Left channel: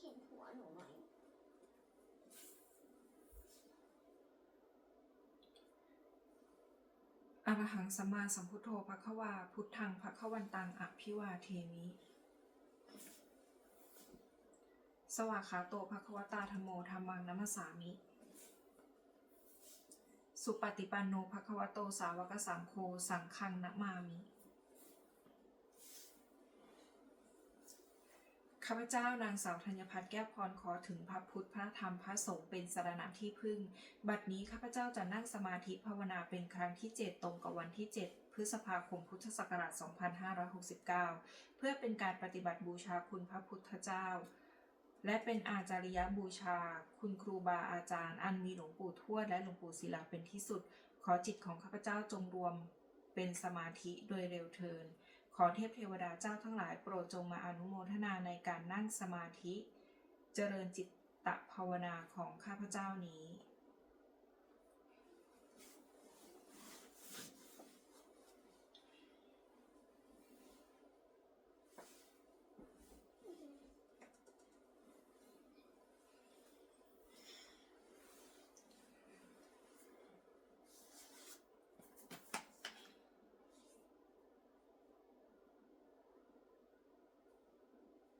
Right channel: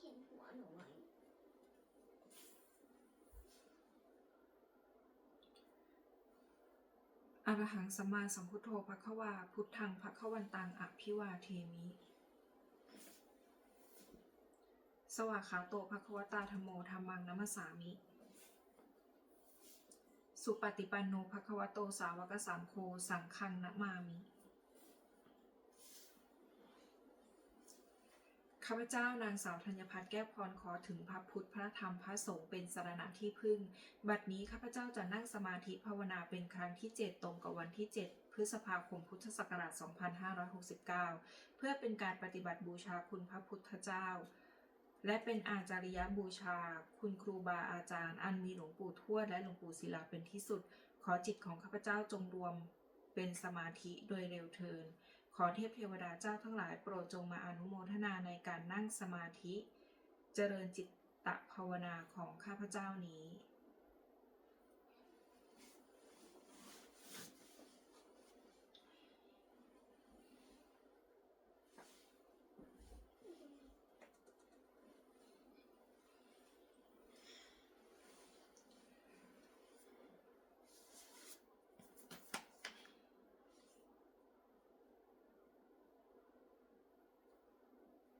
เห็นหัวหนูไหมอะระหังสัมมาสัมพุทโธภควาพุทธังภควันตังอภิวาเทมิสวากขาโตภควตาธัมโมธัมมังนัมสสามิสุปฏิปันโนภควโตสาวกสังโฆสังฆังนะมามิข้าพเจ้านางสาวธัญพัฒน์แก้วพรขอถึงพระพุทธพระธรรมพระสงฆ์เป็นสรณะที่พึ่งบัดนี้ข้าพเจ้าจะนั่งสมาธิภาวนาเป็นครั้งที่7ตรงกับวันที่7พฤษภาคมพุทธศักราช2569เพื่อเป็นการปฏิบัติบูชาคุณพระพุทธเจ้าและเป็นอาจาริยบูชาคุณครูบาอาจารย์อันมีหลวงปู่ทวดและหลวงปู่ศิลาเป็นที่สุดขอจิตของข้าพเจ้าจงรวมเป็นสมาธิโดยเร็วเทินขอเทพเทวดาเจ้าทั้งหลายโปรดจงมาอนุโมทนาในการนั่งสมาธิเจริญจิตตภาวนาของข้าพเจ้านี้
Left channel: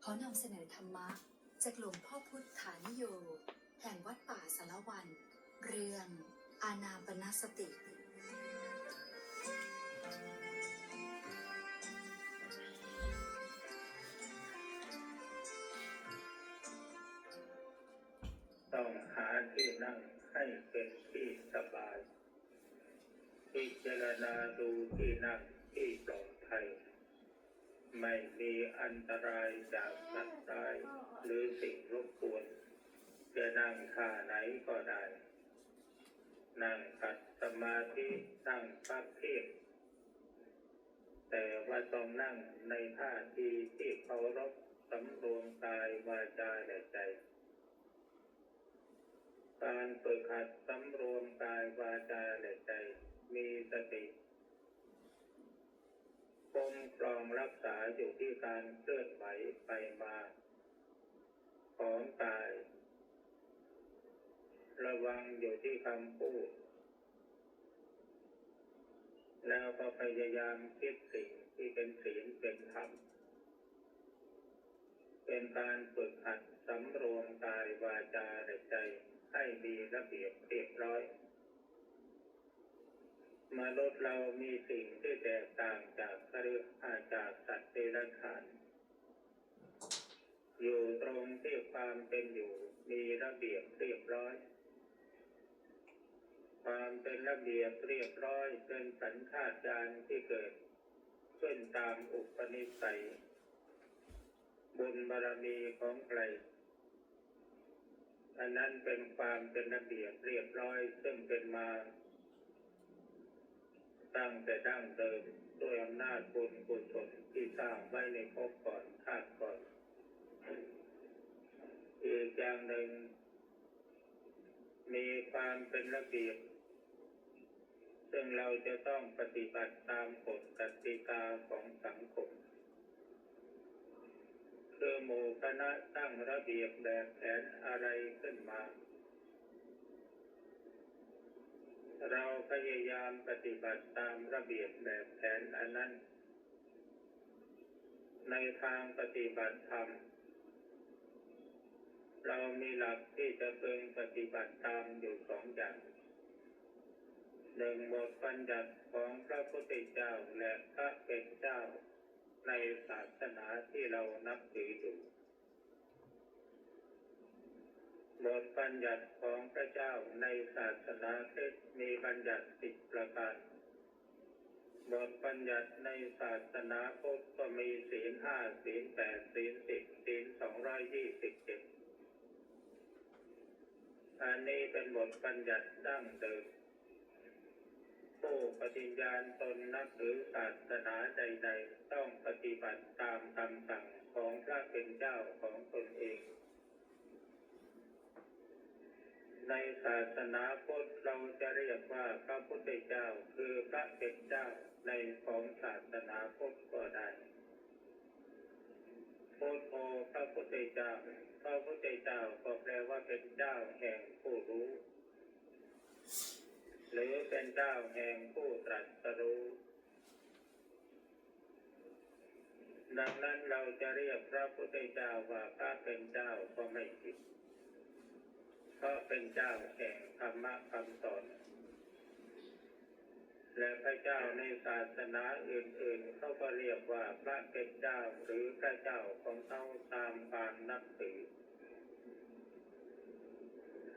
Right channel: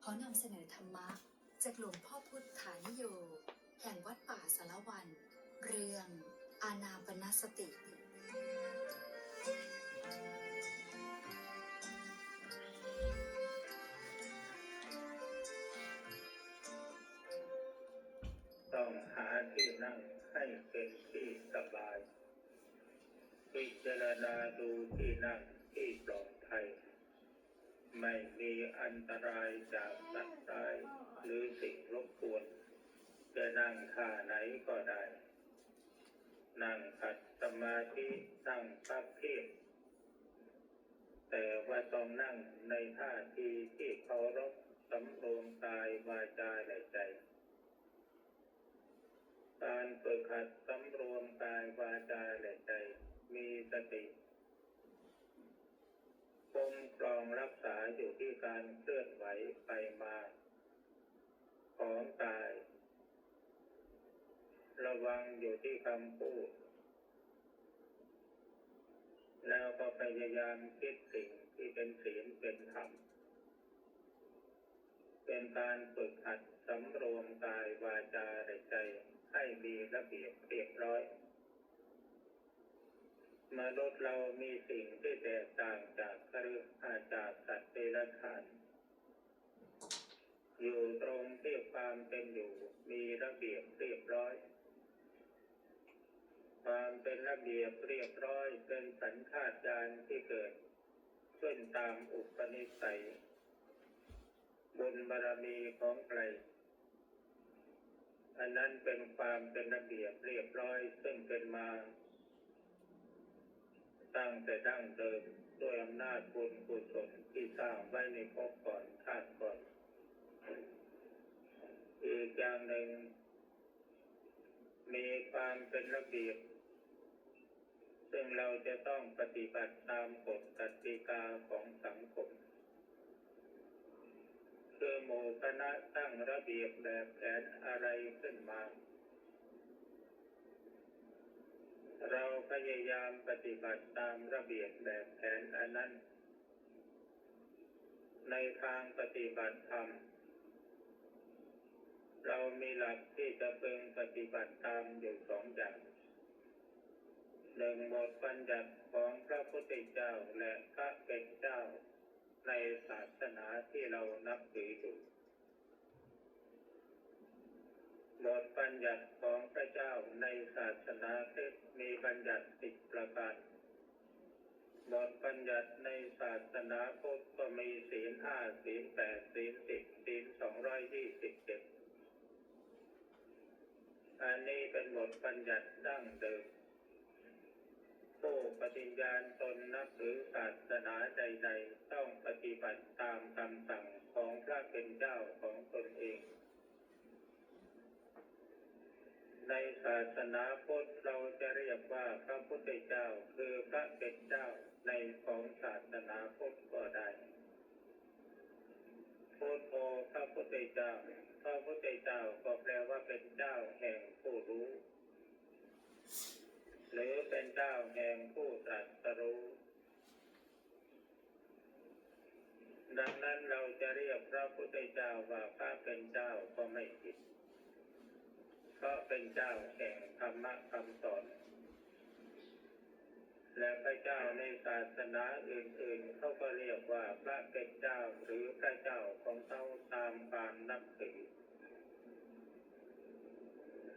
ขอนำเสนอธรรมะจากหลวงพ่อพุทธานิโยแห่งวัดป่าสารวันเรื่องอานาปานสติต้องหาที่นั่งให้เป็นที่สบายพิจารณาดูที่นั่งที่ปลอดภัยไม่มีอันตรายจากสัตว์ร้ายหรือสิ่งรบกวนจะนั่งท่าไหนก็ได้นั่งขัดสมาธินั่งพักเพียรแต่ว่าต้องนั่งในท่าทีที่เคารพสำรวมกายวาจาและใจการฝึกหัดสำรวมกายวาจาและใจมีสติคุ้มครองรักษาอยู่ที่การเคลื่อนไหวไปมาของกายระวังอยู่ที่คำพูดแล้วก็พยายามคิดสิ่งที่เป็นศีลเป็นธรรมเป็นการฝึกหัดสำรวมกายวาจาและใจให้มีระเบียบเรียบร้อยมนุษย์เรามีสิ่งที่แตกต่างจากคฤหัสถ์จากสัตว์เดรัจฉานอยู่ตรงที่ความเป็นอยู่มีระเบียบเรียบร้อยความเป็นระเบียบเรียบร้อยเป็นสัญชาตญาณที่เกิดขึ้นตามอุปนิสัยบุญบารมีของใครอันนั้นเป็นความเป็นระเบียบเรียบร้อยซึ่งเป็นมาตั้งแต่ดั้งเดิมด้วยอำนาจบุญกุศลที่สร้างไว้ในภพก่อนชาติก่อนอีกอย่างหนึ่งมีความเป็นระเบียบซึ่งเราจะต้องปฏิบัติตามกฎกติกาของสังคมคือหมู่คณะตั้งระเบียบแบบแผนอะไรขึ้นมาเราพยายามปฏิบัติตามระเบียบแบบแผนอันนั้นในทางปฏิบัติธรรมเรามีหลักที่จะพึงปฏิบัติตามอยู่สองอย่างหนึ่งบทบัญญัติของพระพุทธเจ้าและพระเป็นเจ้าในศาสนาที่เรานับถืออยู่บทบัญญัติของพระเจ้าในศาสนาคริสต์มีบัญญัติ10ประการบทบัญญัติในศาสนาพุทธก็มีศีล5ศีล8ศีล10ศีล227อันนี้เป็นบทบัญญัติดั้งเดิมผู้ปฏิญาณตนนับถือศาสนาใดๆต้องปฏิบัติตามคำสั่งของพระเป็นเจ้าของตนเองในศาสนาพุทธเราจะเรียกว่าพระพุทธเจ้าคือพระเป็นเจ้าในของศาสนาพุทธก็ได้ พุทโธพระพุทธเจ้าพระพุทธเจ้าก็แปลว่าเป็นเจ้าแห่งผู้รู้หรือเป็นเจ้าแห่งผู้ตรัสรู้ดังนั้นเราจะเรียกพระพุทธเจ้าว่าพระเป็นเจ้าก็ไม่ผิดเพราะเป็นเจ้าแห่งธรรมะคำสอนและพระเจ้าในศาสนาอื่นๆเขาก็เรียกว่าพระเป็นเจ้าหรือพระเจ้าของเขาตามความนับถือ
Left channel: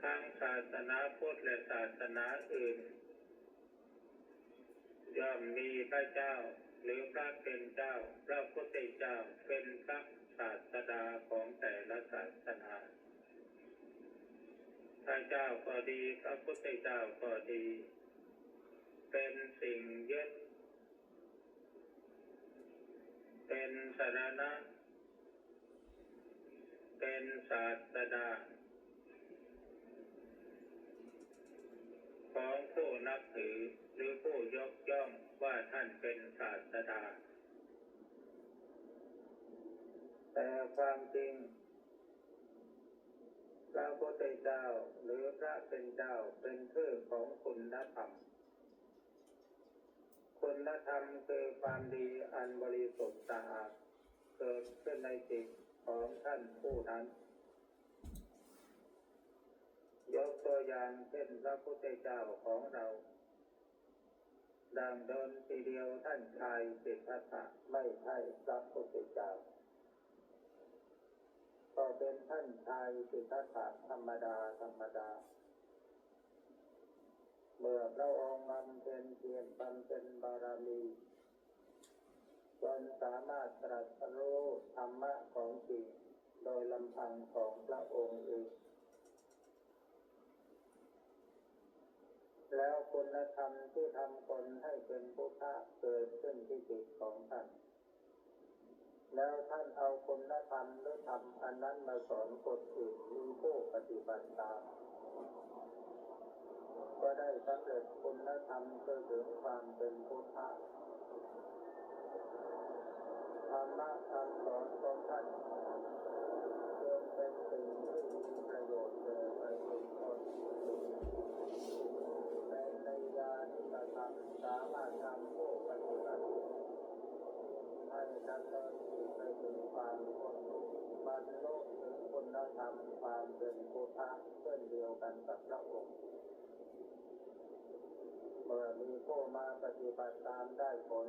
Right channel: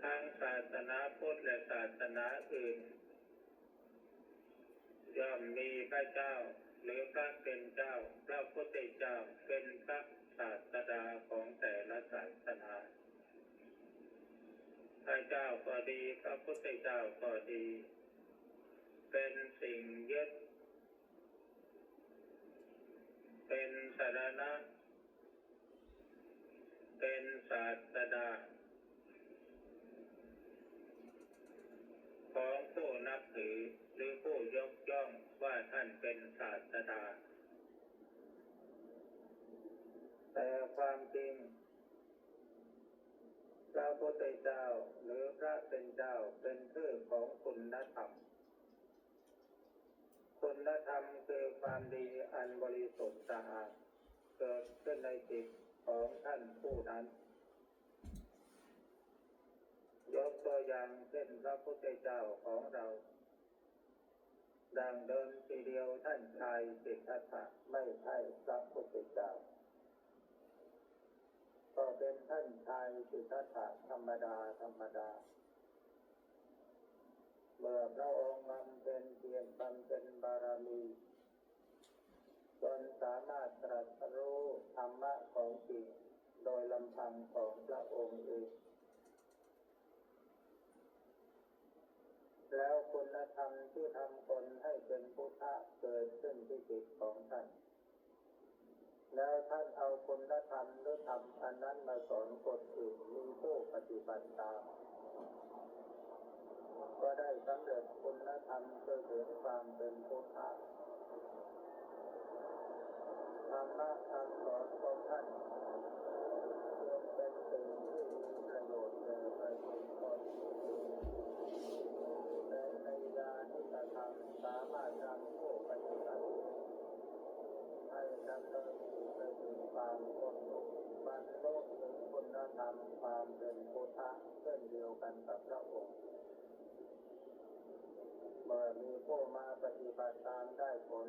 ทั้งศาสนาพุทธและศาสนาอื่นย่อมมีพระเจ้าหรือพระเป็นเจ้าพระพุทธเจ้าเป็นพระศาสดาของแต่ละศาสนาพระเจ้าก็ดีพระพุทธเจ้าก็ดีเป็นสิ่งยึดเป็นสรณะเป็นศาสดาของผู้นับถือหรือผู้ยกย่องว่าท่านเป็นศาสดาแต่ความจริงพระพุทธเจ้าหรือพระเป็นเจ้าเป็นชื่อของคุณธรรมคุณธรรมคือความดีอันบริสุทธิ์สะอาดเกิดขึ้นในจิตของท่านผู้นั้นยกตัวอย่างเช่นพระพุทธเจ้าของเราดังเดิมทีเดียวท่านชายสิทธัตถะไม่ใช่พระพุทธเจ้าก็เป็นท่านชายสิทธัตถะธรรมดาเมื่อพระองค์บำเพ็ญเพียรบำเพ็ญบารมีจนสามารถตรัสรู้ธรรมะของจริงโดยลำพังของพระองค์เองแล้วคุณธรรมที่ทำคนให้เป็นพุทธะเกิดขึ้นที่จิตของท่านแล้วท่านเอาคุณธรรมหรือธรรมอันนั้นมาสอนคนอื่นมีผู้ปฏิบัติตามก็ได้สำเร็จคุณธรรมคือถึงความเป็นพุทธะธรรมะคำสอนของท่านจึงเป็นสิ่งที่มีประโยชน์แก่ประชาชนและในญาณิกธรรมสามารถทำผู้ปฏิบัติให้ดำเนินไปถึงความพ้นทุกข์บรรลุถึงคุณธรรมความเป็นพุทธะเช่นเดียวกันกับพระองค์เมื่อมีผู้มาปฏิบัติตามได้ผล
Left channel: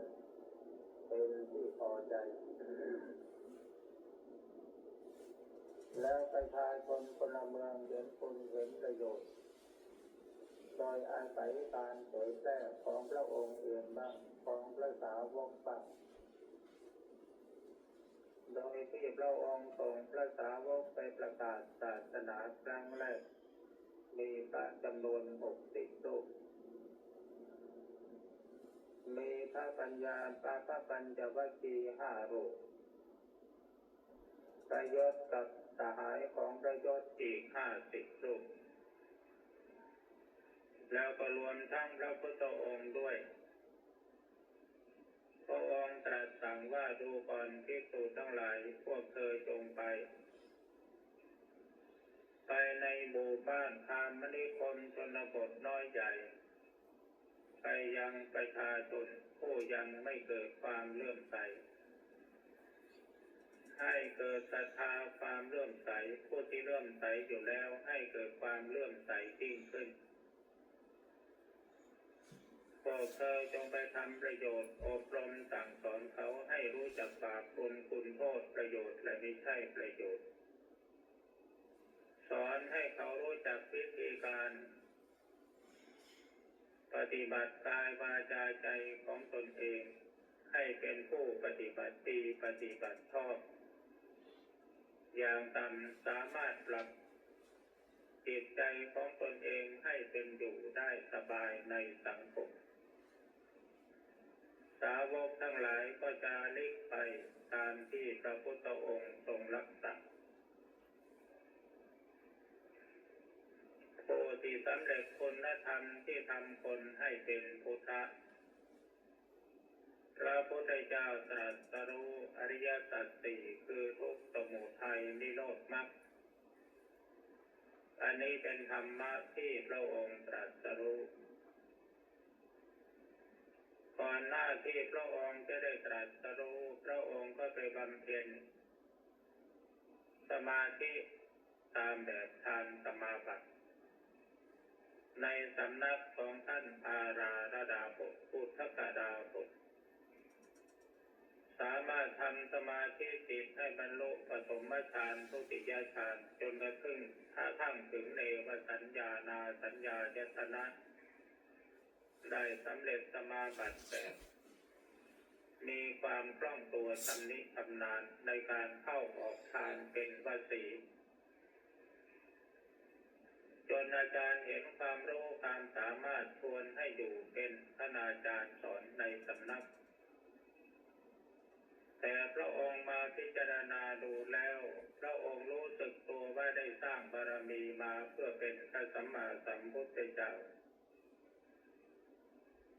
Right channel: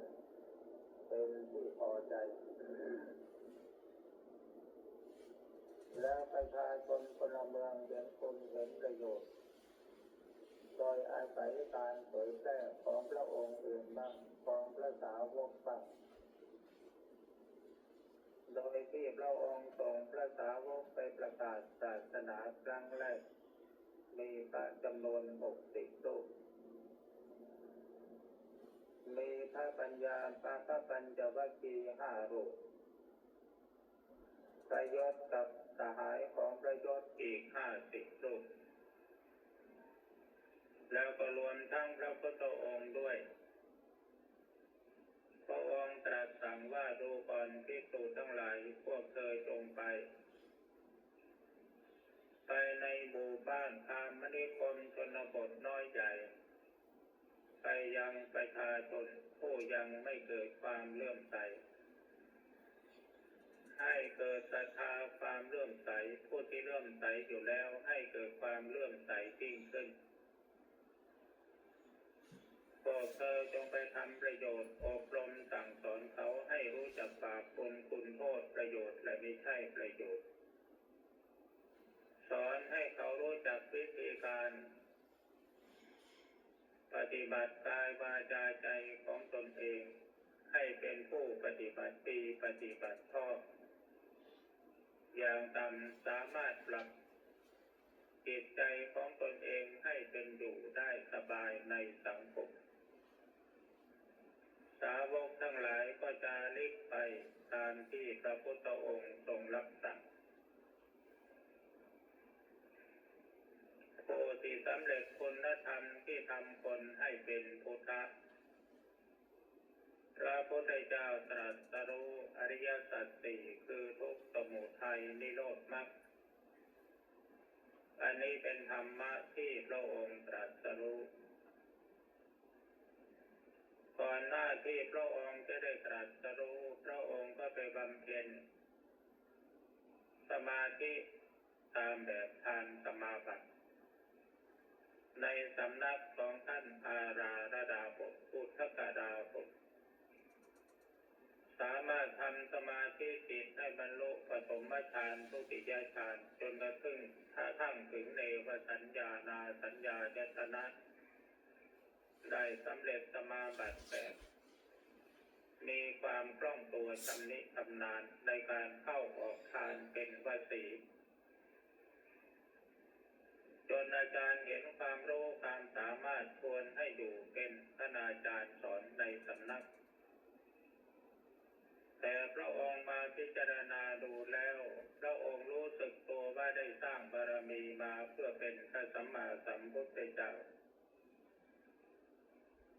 เป็นที่พอใจแล้วประชาชนพลเมืองเห็นคุณเห็นประโยชน์โดยอาศัยการเผยแพร่ของพระองค์อื่นบ้างของพระสาวกบ้างโดยที่พระองค์ส่งพระสาวกไปประกาศศาสนาครั้งแรกมีพระจำนวน60 รูปมีพระปัญญาพระปัญจวัคคีย์5 รูปประยศกับสหายของประยศอีก50 รูปแล้วก็รวมทั้งพระพุทธองค์ด้วยพระองค์ตรัสสั่งว่าดูก่อนภิกษุทั้งหลายพวกเธอจงไปในหมู่บ้านคามนิคมชนบทน้อยใหญ่ไปยังประชาชนผู้ยังไม่เกิดความเลื่อมใสให้เกิดศรัทธาความเลื่อมใสผู้ที่เลื่อมใสอยู่แล้วให้เกิดความเลื่อมใสยิ่งขึ้นพวกเธอจงไปทำประโยชน์อบรมสั่งสอนเขาให้รู้จักบาปบุญคุณโทษประโยชน์และไม่ใช่ประโยชน์สอนให้เขารู้จักวิธีการปฏิบัติกายวาจาใจของตนเองให้เป็นผู้ปฏิบัติดีปฏิบัติชอบอย่างต่ำสามารถปรับจิตใจของตนเองให้เป็นอยู่ได้สบายในสังคมสาวกทั้งหลายก็จะลิกไปตามที่พระพุทธองค์ทรงรับสั่งผู้ที่สำเร็จคุณธรรมที่ทำคนให้เป็นพุทธะ ระพุทธเจ้าตรัสรู้อริยสัจสี่คือทุกข์สมุทัยนิโรธมรรคอันนี้เป็นธรรมะที่พระองค์ตรัสรู้ก่อนหน้าที่พระองค์จะได้ตรัสรู้พระองค์ก็ไปบำเพ็ญสมาธิตามแบบฌานสมาบัติในสำนักของท่านอาราระดาบทพุทธกดาบทสามารถทำสมาธิจิตให้บรรลุปฐมฌานทุติยฌานจนกระทั่งถึงเนวสัญญานาสัญญายตนะได้สำเร็จสมาบัติแบบมีความคล่องตัวชำนิชำนาญในการเข้าออกฌานเป็นวสีจนอาจารย์เห็นความรู้ความสามารถชวนให้อยู่เป็นคณาจารย์สอนในสำนักแต่พระองค์มาพิจารณาดูแล้วพระองค์รู้สึกตัวว่าได้สร้างบารมีมาเพื่อเป็นพระสัมมาสัมพุทธเจ้า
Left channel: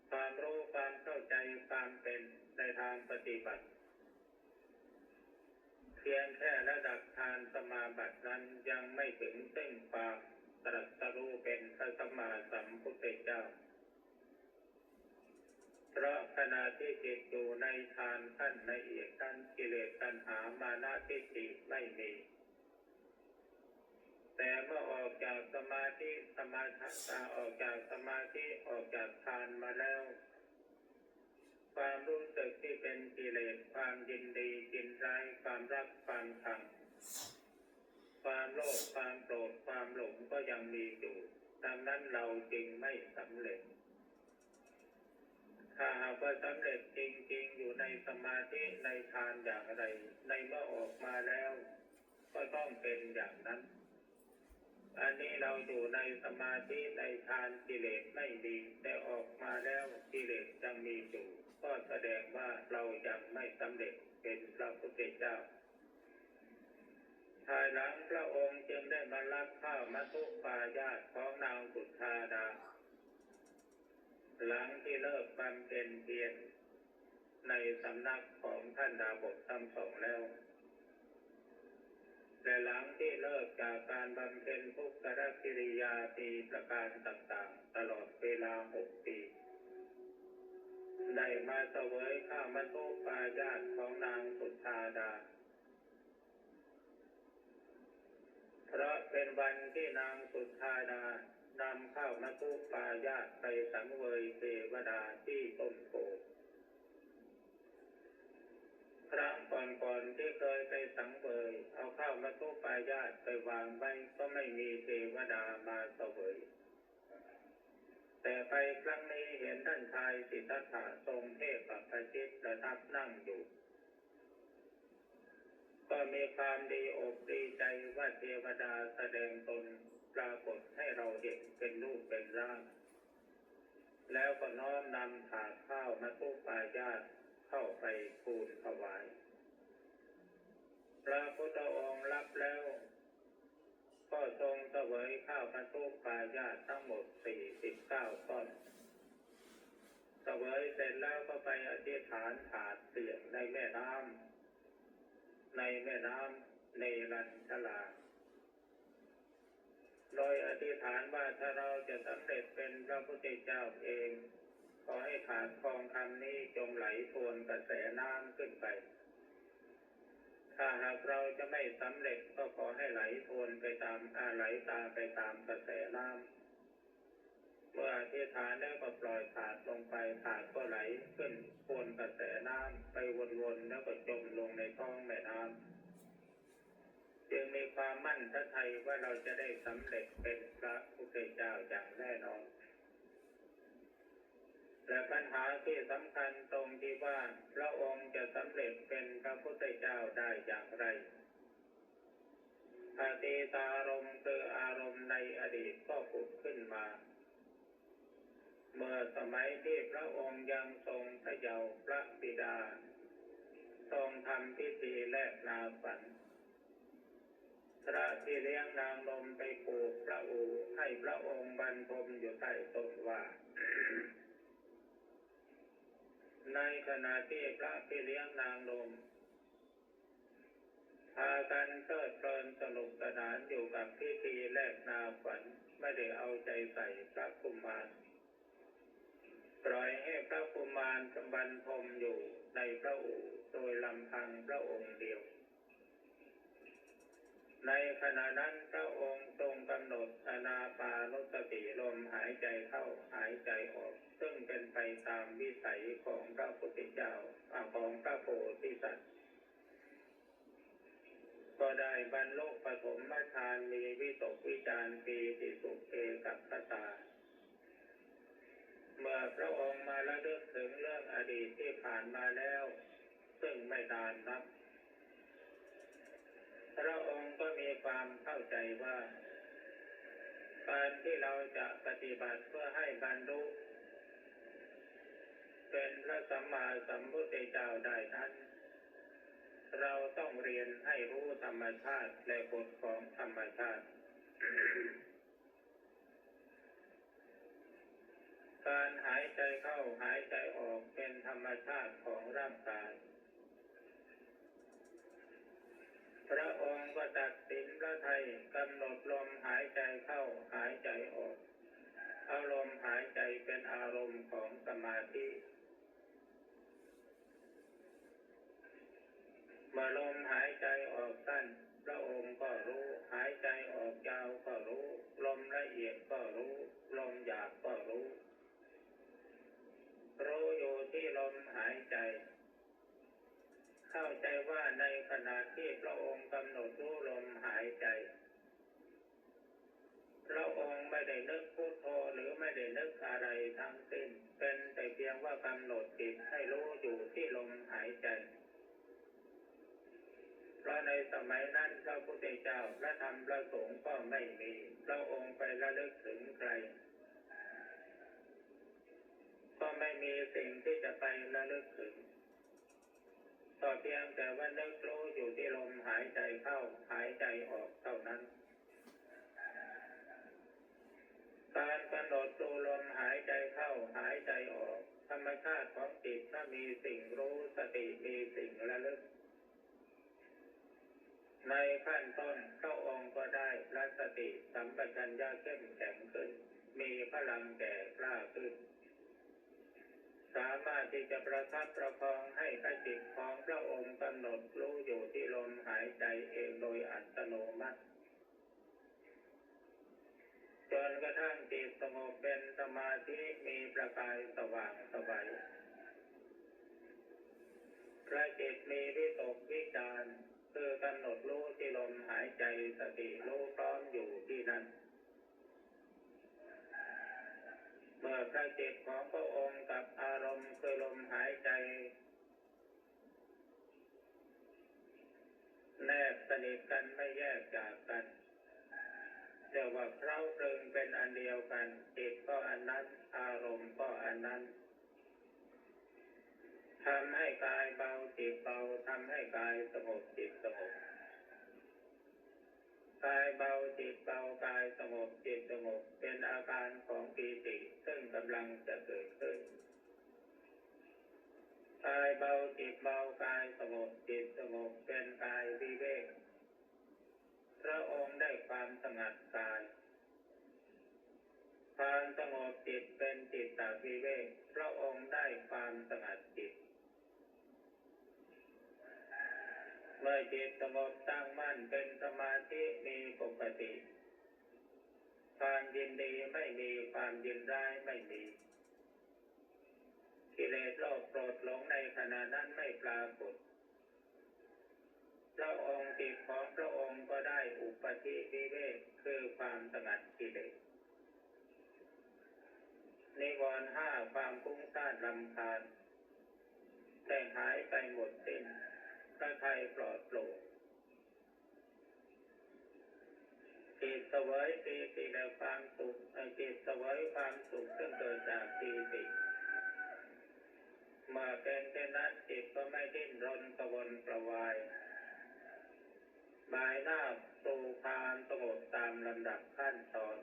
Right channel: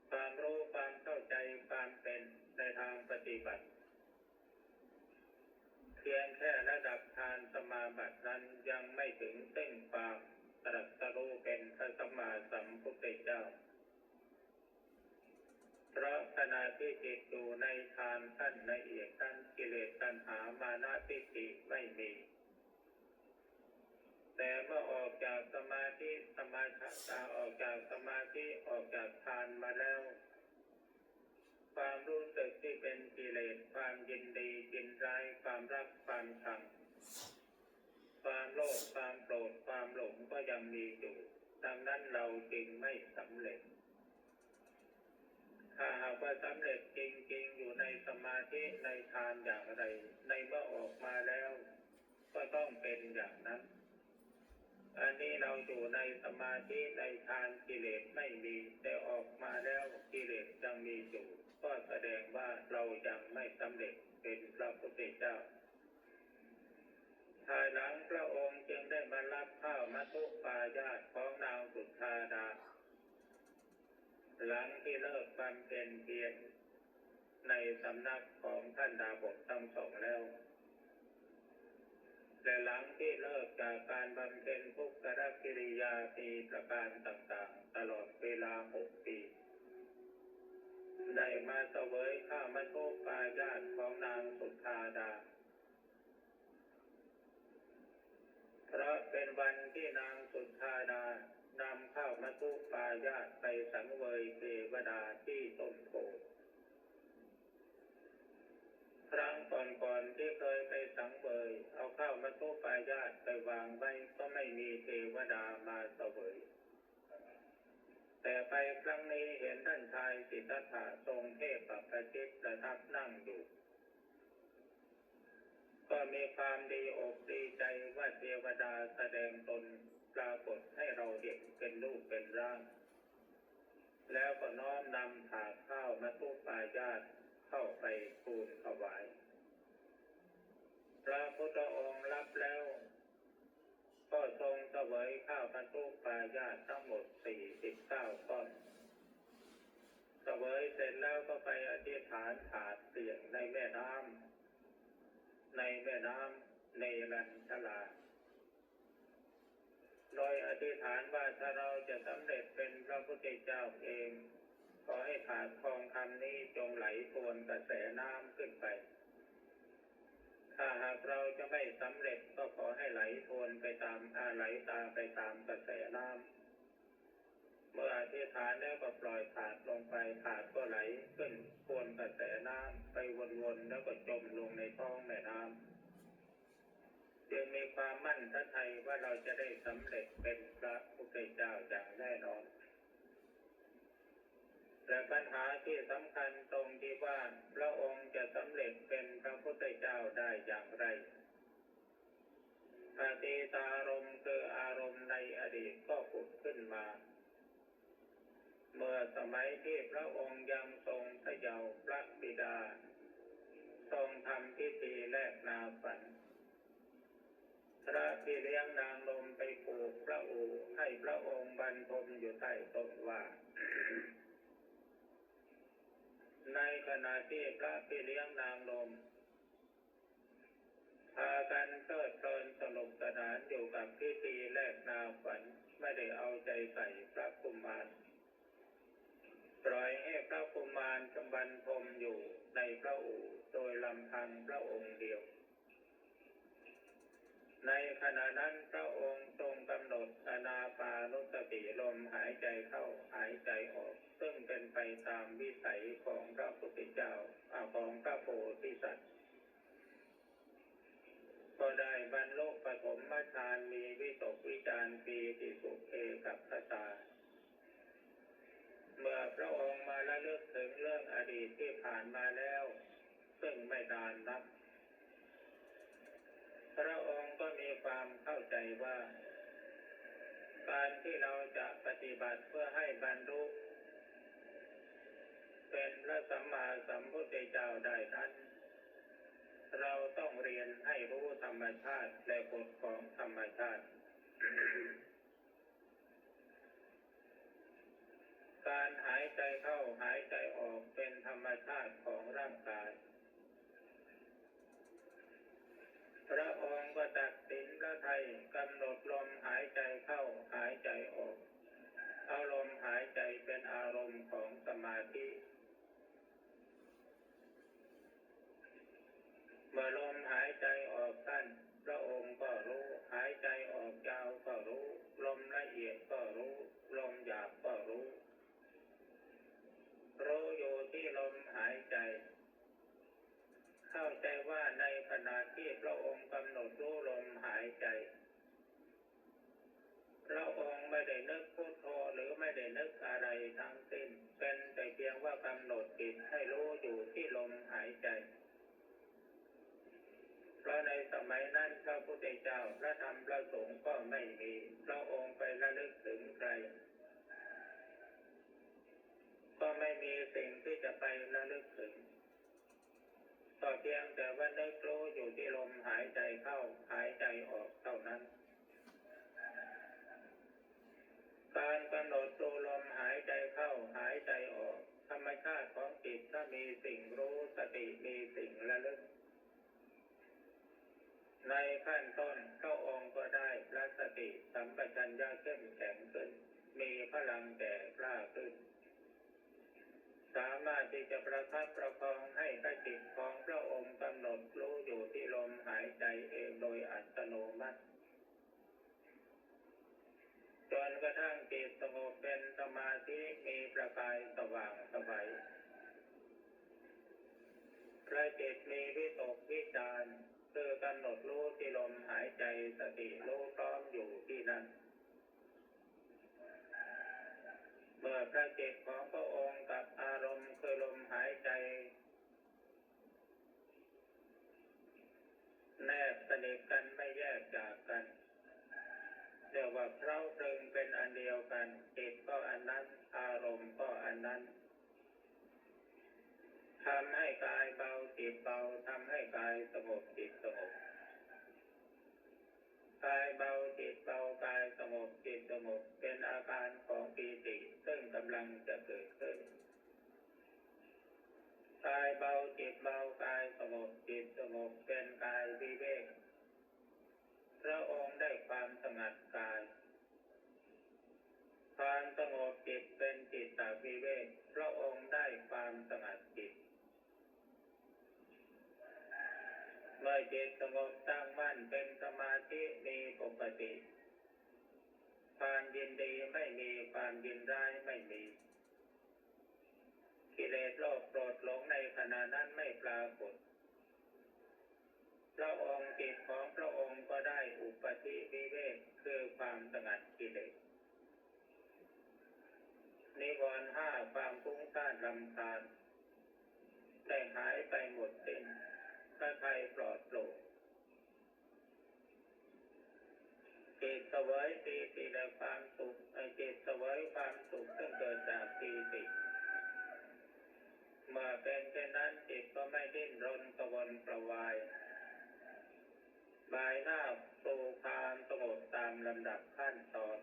ความรู้ความเข้าใจความเป็นในทางปฏิบัติเพียงแค่ระดับฌานสมาบัตินั้นยังไม่ถึงซึ่งความตรัสรู้เป็นพระสัมมาสัมพุทธเจ้าเพราะขณะที่จิตอยู่ในฌานขั้นละเอียดขั้นกิเลสตัณหามานะทิฏฐิไม่มีแต่เมื่อออกจากสมาธิออกจากสมาธิออกจากฌานมาแล้วความรู้สึกที่เป็นกิเลสความยินดียินร้ายความรักความชังความโลภความโกรธความหลงก็ยังมีอยู่ดังนั้นเราจึงไม่สำเร็จถ้าหากว่าสำเร็จจริงๆอยู่ในสมาธิในฌานอย่างไรในเมื่อออกมาแล้วก็ต้องเป็นอย่างนั้นอันนี้เราอยู่ในสมาธิในฌานกิเลสไม่มีแต่ออกมาแล้วกิเลสยังมีอยู่ก็แสดงว่าเรายังไม่สำเร็จเป็นพระพุทธเจ้าภายหลังพระองค์จึงได้มารับข้าวมัทุปายาตของนางสุธาดาหลังที่เลิกบำเพ็ญเพียรในสำนักของท่านดาบททั้งสองแล้วและหลังที่เลิกจากการบำเพ็ญทุกขกิริยาปีประการต่างๆตลอดเวลา6 ปีได้มาเสวยข้าวมัทุปายาตของนางสุธาดาเพราะเป็นวันที่นางสุธาดานำข้าวมัทุปายาตไปสังเวยเทวดาที่ต้นโพครั้งก่อนๆที่เคยไปสังเวยเอาข้าวมัทุปายาตไปวางไว้ก็ไม่มีเทวดามาเสวยแต่ไปครั้งนี้เห็นท่านชายสิทธัตถะทรงเทพประชิตประทับนั่งอยู่ก็มีความดีอกดีใจว่าเทวดาแสดงตนปรากฏให้เราเห็นเป็นรูปเป็นร่างแล้วก็น้อมนำถาดข้าวมัทุปายาตเข้าไปทูลถวายพระพุทธองค์รับแล้วก็ทรงเสวยข้าวมัทุปายาตทั้งหมด49 ก้อนเสวยเสร็จแล้วก็ไปอธิษฐานถาดเสี่ยงในแม่น้ำเนรัญชลาโดยอธิษฐานว่าถ้าเราจะสำเร็จเป็นพระพุทธเจ้าเองขอให้ถาดทองคำนี้จงไหลทวนกระแสน้ำขึ้นไปถ้าหากเราจะไม่สำเร็จก็ขอให้ไหลทวนไปตามไหลตามไปตามกระแสน้ำเมื่ออธิษฐานแล้วก็ปล่อยถาดลงไปถาดก็ไหลขึ้นทวนกระแสน้ำไปวนๆแล้วก็จมลงในท้องแม่น้ำจึงมีความมั่นใจว่าเราจะได้สำเร็จเป็นพระพุทธเจ้าอย่างแน่นอนและปัญหาที่สำคัญตรงที่ว่าพระองค์จะสำเร็จเป็นพระพุทธเจ้าได้อย่างไรอดีตารมณ์คืออารมณ์ในอดีตก็ผุดขึ้นมาเมื่อสมัยที่พระองค์ยังทรงพระเยาว์พระบิดาทรงทำพิธีแลกนาฝันพระที่เลี้ยงนางนมไปปลูกพระอู่ให้พระองค์บรรทมอยู่ใต้ต้นว่า ในขณะที่พระพี่เลี้ยงนางลมพากันเพลิดเพลินสนุกสนานอยู่กับพิธีแลกนาขวัญไม่ได้เอาใจใส่พระกุมารปล่อยให้พระกุมารกำบันทมอยู่ในพระอู่โดยลำพังพระองค์เดียวในขณะนั้นพระองค์ทรงกำหนดอานาปานุสติลมหายใจเข้าหายใจออกซึ่งเป็นไปตามวิสัยของพระพุทธเจ้าของพระโพธิสัตว์ก็ได้บรรลุปฐมฌานมีวิตกวิจารปีติสุขเอกัคตาเมื่อพระองค์มาระลึกถึงเรื่องอดีตที่ผ่านมาแล้วซึ่งไม่นานนักพระองค์ก็มีความเข้าใจว่าการที่เราจะปฏิบัติเพื่อให้บรรลุเป็นพระสัมมาสัมพุทธเจ้าได้นั้นเราต้องเรียนให้รู้ธรรมชาติและกฎของธรรมชาติ การหายใจเข้าหายใจออกเป็นธรรมชาติของร่างกายพระองค์ก็ตัดสินพระทัยกำหนดลมหายใจเข้าหายใจออกเอาลมหายใจเป็นอารมณ์ของสมาธิเมื่อลมหายใจออกสั้นพระองค์ก็รู้หายใจออกยาวก็รู้ลมละเอียดก็รู้ลมหยาบก็รู้อยู่ที่ลมหายใจเข้าใจว่าในขณะที่พระองค์กำหนดรู้ลมหายใจพระองค์ไม่ได้นึกพุทโธหรือไม่ได้นึกอะไรทั้งสิ้นเป็นแต่เพียงว่ากำหนดจิตให้รู้อยู่ที่ลมหายใจเพราะในสมัยนั้นพระพุทธเจ้าพระธรรมพระสงฆ์ก็ไม่มีพระองค์ไประลึกถึงใครก็ไม่มีสิ่งที่จะไประลึกถึงก็เพียงแต่ว่านึกรู้อยู่ที่ลมหายใจเข้าหายใจออกเท่านั้นการกำหนดดูลมหายใจเข้าหายใจออกธรรมชาติของจิตถ้ามีสิ่งรู้สติมีสิ่งระลึกในขั้นต้นพระองค์ก็ได้พระสติสัมปชัญญะเข้มแข็งขึ้นมีพลังแก่กล้าขึ้นสามารถที่จะประคับประคองให้พระจิตของพระองค์กำหนดรู้อยู่ที่ลมหายใจเองโดยอัตโนมัติจนกระทั่งจิตสงบเป็นสมาธิมีประกายสว่างไสวพระจิตมีวิตกวิจารคือกำหนดรู้ที่ลมหายใจสติรู้พร้อมอยู่ที่นั่นเมื่อพระจิตของพระองค์กับอารมณ์คือลมหายใจแนบสนิทกันไม่แยกจากกันเรียกว่าเคล้าคลึงเป็นอันเดียวกันจิตก็อันนั้นอารมณ์ก็อันนั้นทำให้กายเบาจิตเบาทำให้กายสงบจิตสงบกายเบาจิตเบากายสงบจิตสงบเป็นอาการของปีติซึ่งกำลังจะเกิดขึ้นกายเบาจิตเบากายสงบจิตสงบเป็นกายวิเวกพระองค์ได้ความสงัดกายความสงบจิตเป็นจิตตวิเวกพระองค์ได้ความสงัดจิตเมื่อจิตสงบตั้งมั่นเป็นสมาธิมีปกติความยินดีไม่มีความยินร้ายไม่มีกิเลสโลภโกรธหลงในขณะนั้นไม่ปรากฏพระองค์จิตของพระองค์ก็ได้อุปธิวิเวกคือความสงัดกิเลสนิวรณ์ห้าความฟุ้งซ่านรำคาญได้หายไปหมดสิ้นพระทัยปลอดโปร่งจิตเสวยปีติและความสุขจิตเสวยความสุขซึ่งเกิดจากปีติเมื่อเป็นเช่นนั้นจิตก็ไม่ดิ้นรนกระวนกระวายบายหน้าสู่ความสงบตามลำดับขั้นตอน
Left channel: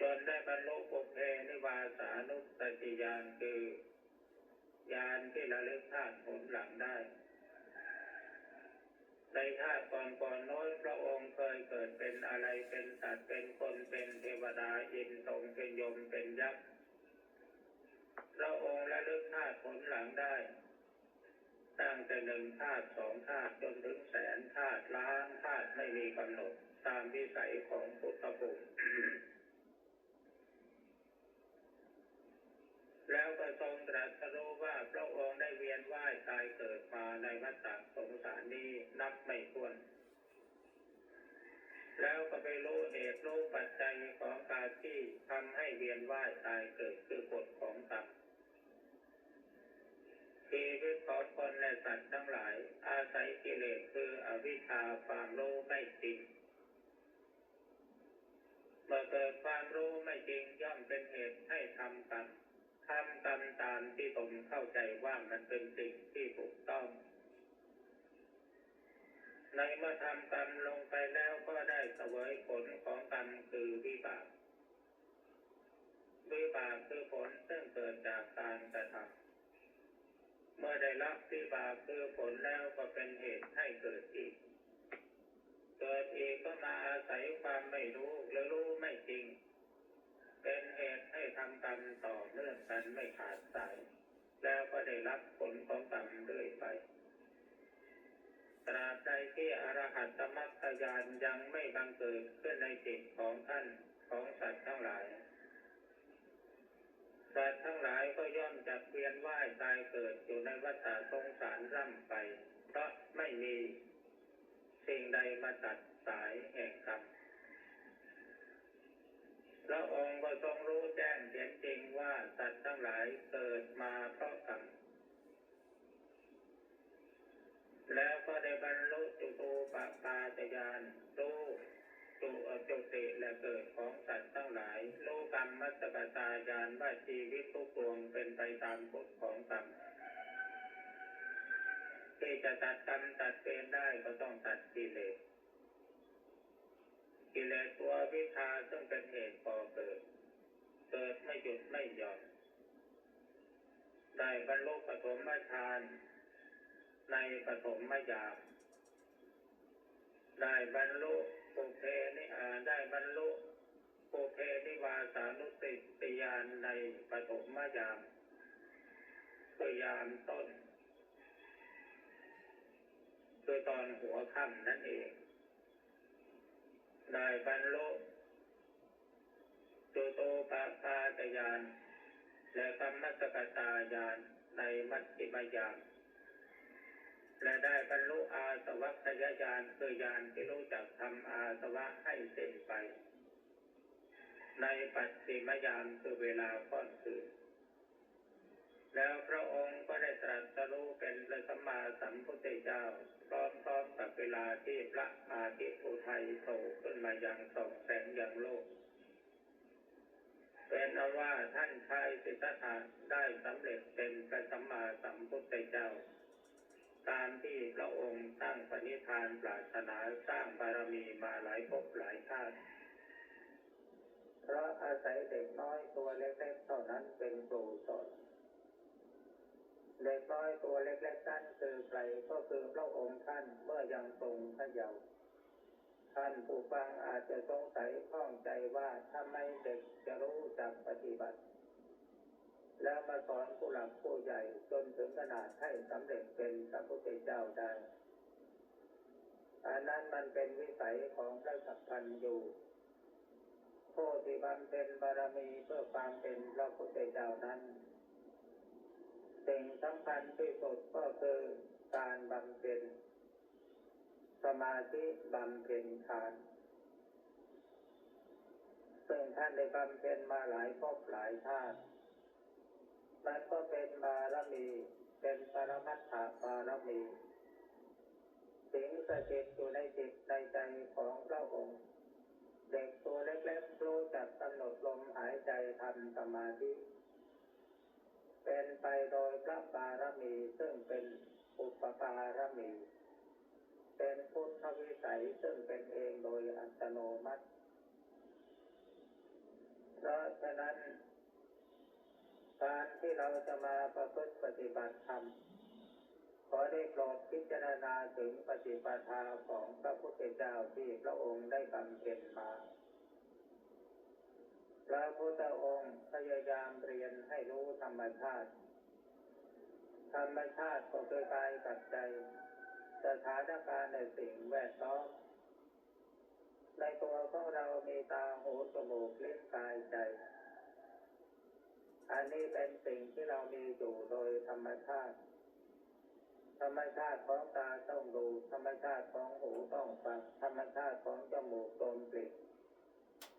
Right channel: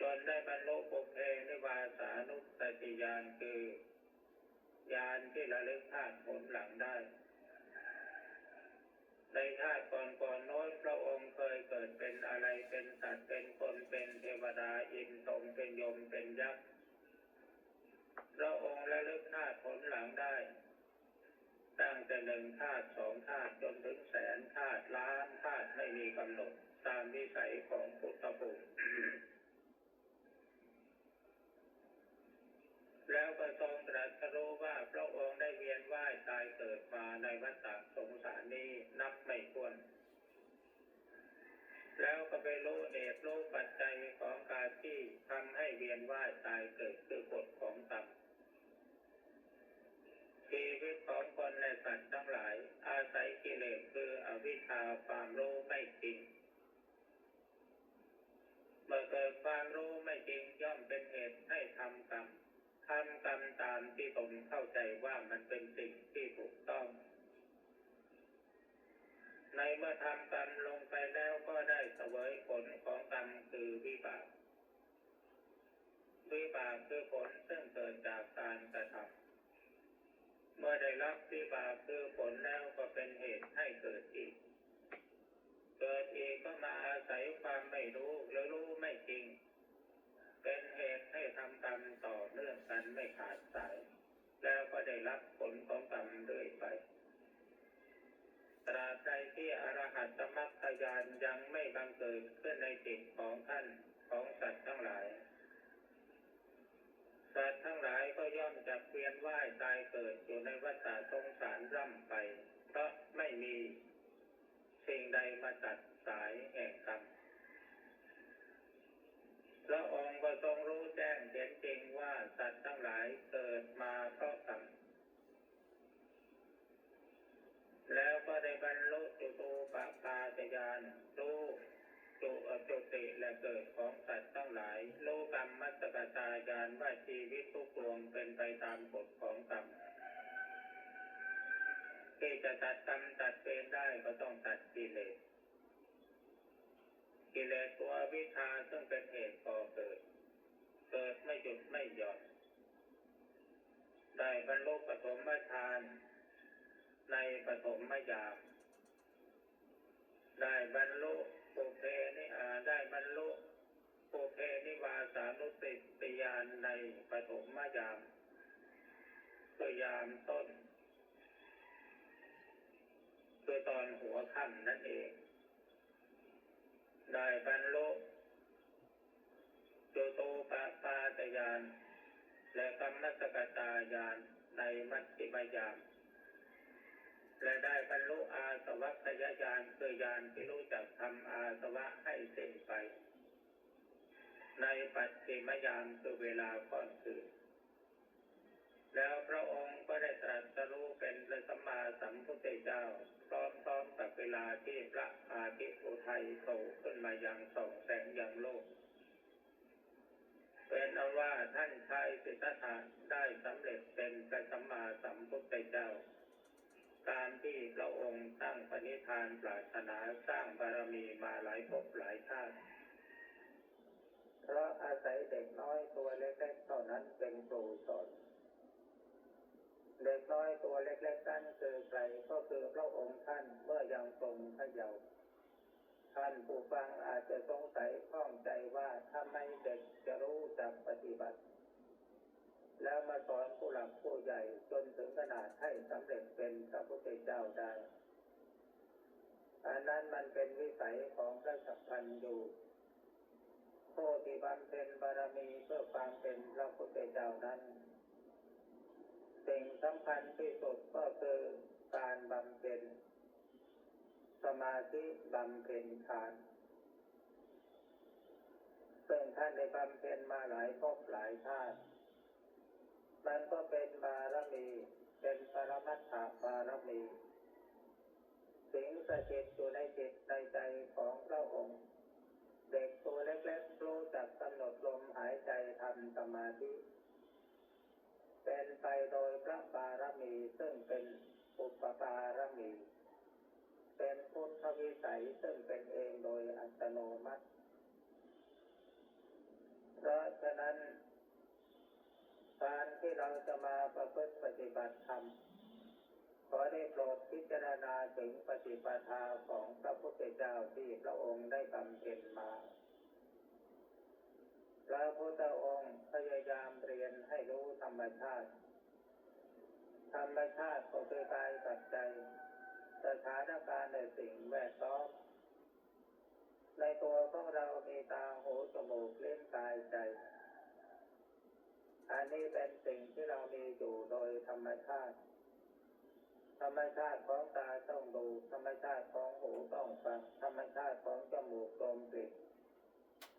จนได้บรรลุปุเพนิวาสานุสติญาณคือ ญาณที่ระลึกชาติผลหลังได้ในชาติก่อนๆโน้นพระองค์เคยเกิดเป็นอะไรเป็นสัตว์เป็นคนเป็นเทวดาอินทร์เป็นยมเป็นยักษ์พระองค์ระลึกชาติผลหลังได้ตั้งแต่1 ชาติ 2 ชาติจนถึงแสนชาติล้านชาติไม่มีกำหนดตามวิสัยของพุทธภูมิ แล้วก็ทรงตรัสรู้ว่าพระองค์ได้เวียนว่ายตายเกิดมาในวัฏสงสารนี้นับไม่ถ้วน แล้วก็ไปรู้เหตุรู้ปัจจัยของการที่ทำให้เวียนว่ายตายเกิดคือกฎของกรรมชีวิตของคนและสัตว์ทั้งหลายอาศัยกิเลสคืออวิชชาความรู้ไม่จริงเมื่อเกิดความรู้ไม่จริงย่อมเป็นเหตุให้ทำกรรมตามที่ตนเข้าใจว่ามันเป็นสิ่งที่ถูกต้องในเมื่อทำกรรมลงไปแล้วก็ได้เสวยผลของกรรมคือวิบากคือผลซึ่งเกิดจากการกระทำเมื่อได้รับวิบากคือผลแล้วก็เป็นเหตุให้เกิดอีกก็มาอาศัยความไม่รู้หรือรู้ไม่จริงเป็นเหตุให้ทำกรรมต่อเนื่องกันไม่ขาดสายแล้วก็ได้รับผลของกรรมเรื่อยไปตราบใดที่อรหัตมรรคญาณยังไม่บังเกิดขึ้นในจิตของท่านของสัตว์ทั้งหลายสัตว์ทั้งหลายก็ย่อมจะเวียนว่ายตายเกิดอยู่ในวัฏสงสารร่ำไปเพราะไม่มีสิ่งใดมาตัดสายแห่งกรรมพระองค์ก็ทรงรู้แจ้งเห็นจริงว่าสัตว์ทั้งหลายเกิดมาเพราะกรรมแล้วก็ได้บรรลุจุตูปปาตญาณรู้จุติและเกิดของสัตว์ทั้งหลายรู้กรรมมัสสกตาญาณว่าชีวิตทุกดวงเป็นไปตามกฎของกรรมที่จะตัดกรรมตัดเวรได้ก็ต้องตัดกิเลสตัววิชาซึ่งเป็นเหตุก่อเกิดไม่หยุดไม่หย่อนได้บรรลุปฐมฌานในปฐมญาณได้บรรลุปุเพนิวาสานุสติญาณในปฐมญาณคือยามต้นคือตอนหัวค่ำนั่นเองได้บรรลุจุตูปปาตญาณและกรรมสกตาญาณในมัชฌิมญาณและได้บรรลุอาสวัคยญาณคือญาณที่รู้จักทำอาสวะให้สิ้นไปในปัจฉิมญาณคือเวลาก่อนคืนแล้วพระองค์ก็ได้ตรัสรู้เป็นพระสัมมาสัมพุทธเจ้าพร้อมกับเวลาที่พระอาทิตย์อุทัยโผล่ขึ้นมายังส่องแสงยังโลกเป็นเอาว่าท่านชายสิทธัตถะได้สำเร็จเป็นพระสัมมาสัมพุทธเจ้าตามที่พระองค์ตั้งปณิธานปรารถนาสร้างบารมีมาหลายภพหลายชาติเพราะอาศัยเด็กน้อยตัวเล็กๆเท่านั้นเป็นครูสอนเด็กน้อยตัวเล็กๆนั้นคือใครก็คือพระองค์ท่านเมื่อยังทรงพระเยาว์ท่านผู้ฟังอาจจะสงสัยข้องใจว่าทำไมเด็กจะรู้จักปฏิบัติแล้วมาสอนผู้หลักผู้ใหญ่จนถึงขนาดให้สำเร็จเป็นพระพุทธเจ้าได้อันนั้นมันเป็นวิสัยของพระสัพพันยูผู้ที่บำเพ็ญบารมีเพื่อความเป็นพระพุทธเจ้านั้นสิ่งสำคัญที่สุดก็คือการบำเพ็ญสมาธิบำเพ็ญฌานซึ่งท่านได้บำเพ็ญมาหลายภพหลายชาติมันก็เป็นบารมีเป็นปรมัตถบารมีสิงสถิตอยู่ในจิตในใจของพระองค์เด็กตัวเล็กๆรู้จักกำหนดลมหายใจทำสมาธิเป็นไปโดยพระบารมีซึ่งเป็นอุปบารมีเป็นพุทธวิสัยซึ่งเป็นเองโดยอัตโนมัติเพราะฉะนั้นการที่ เราจะมาประพฤติปฏิบัติธรรมขอได้โปรดพิจารณาถึงปฏิปทาของพระพุทธเจ้าที่พระองค์ได้บำเพ็ญมาพระพุทธองค์พยายามเรียนให้รู้ธรรมชาติธรรมชาติก็คือกายกับใจสถานการณ์ในสิ่งแวดล้อมในตัวของเรามีตาหูจมูกลิ้นกายใจอันนี้เป็นสิ่งที่เรามีอยู่โดยธรรมชาติธรรมชาติของตาต้องดูธรรมชาติของหูต้องฟังธรรมชาติของจมูกดมกลิ่น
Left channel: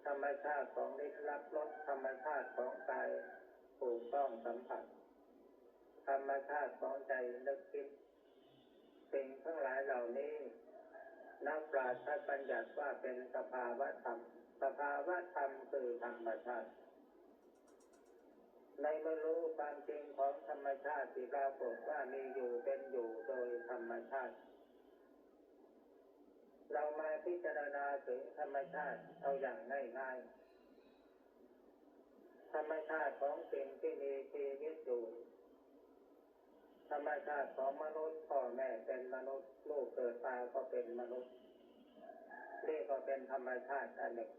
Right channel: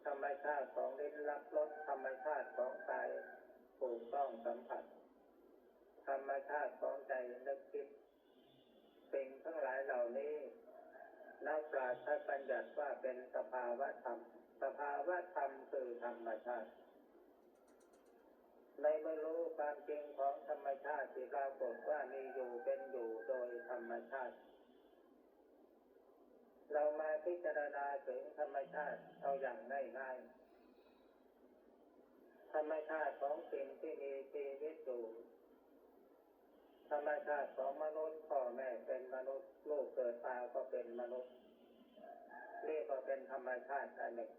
ธรรมชาติของลิ้นรับรสธรรมชาติของกายถูกต้องสัมผัสธรรมชาติของใจนึกคิดสิ่งทั้งหลายเหล่านี้นักปราชญ์ท่านบัญญัติว่าเป็นสภาวะธรรมสภาวะธรรมคือธรรมชาติในเมื่อรู้ความจริงของธรรมชาติที่ปรากฏว่ามีอยู่เป็นอยู่โดยธรรมชาติเรามาพิจารณาถึงธรรมชาติเอาอย่างง่ายๆธรรมชาติของสิ่งที่มีชีวิตอยู่ธรรมชาติของมนุษย์พ่อแม่เป็นมนุษย์ลูกเกิดมาก็เป็นมนุษย์นี่ก็เป็นธรรมชาติอันหนึ่ง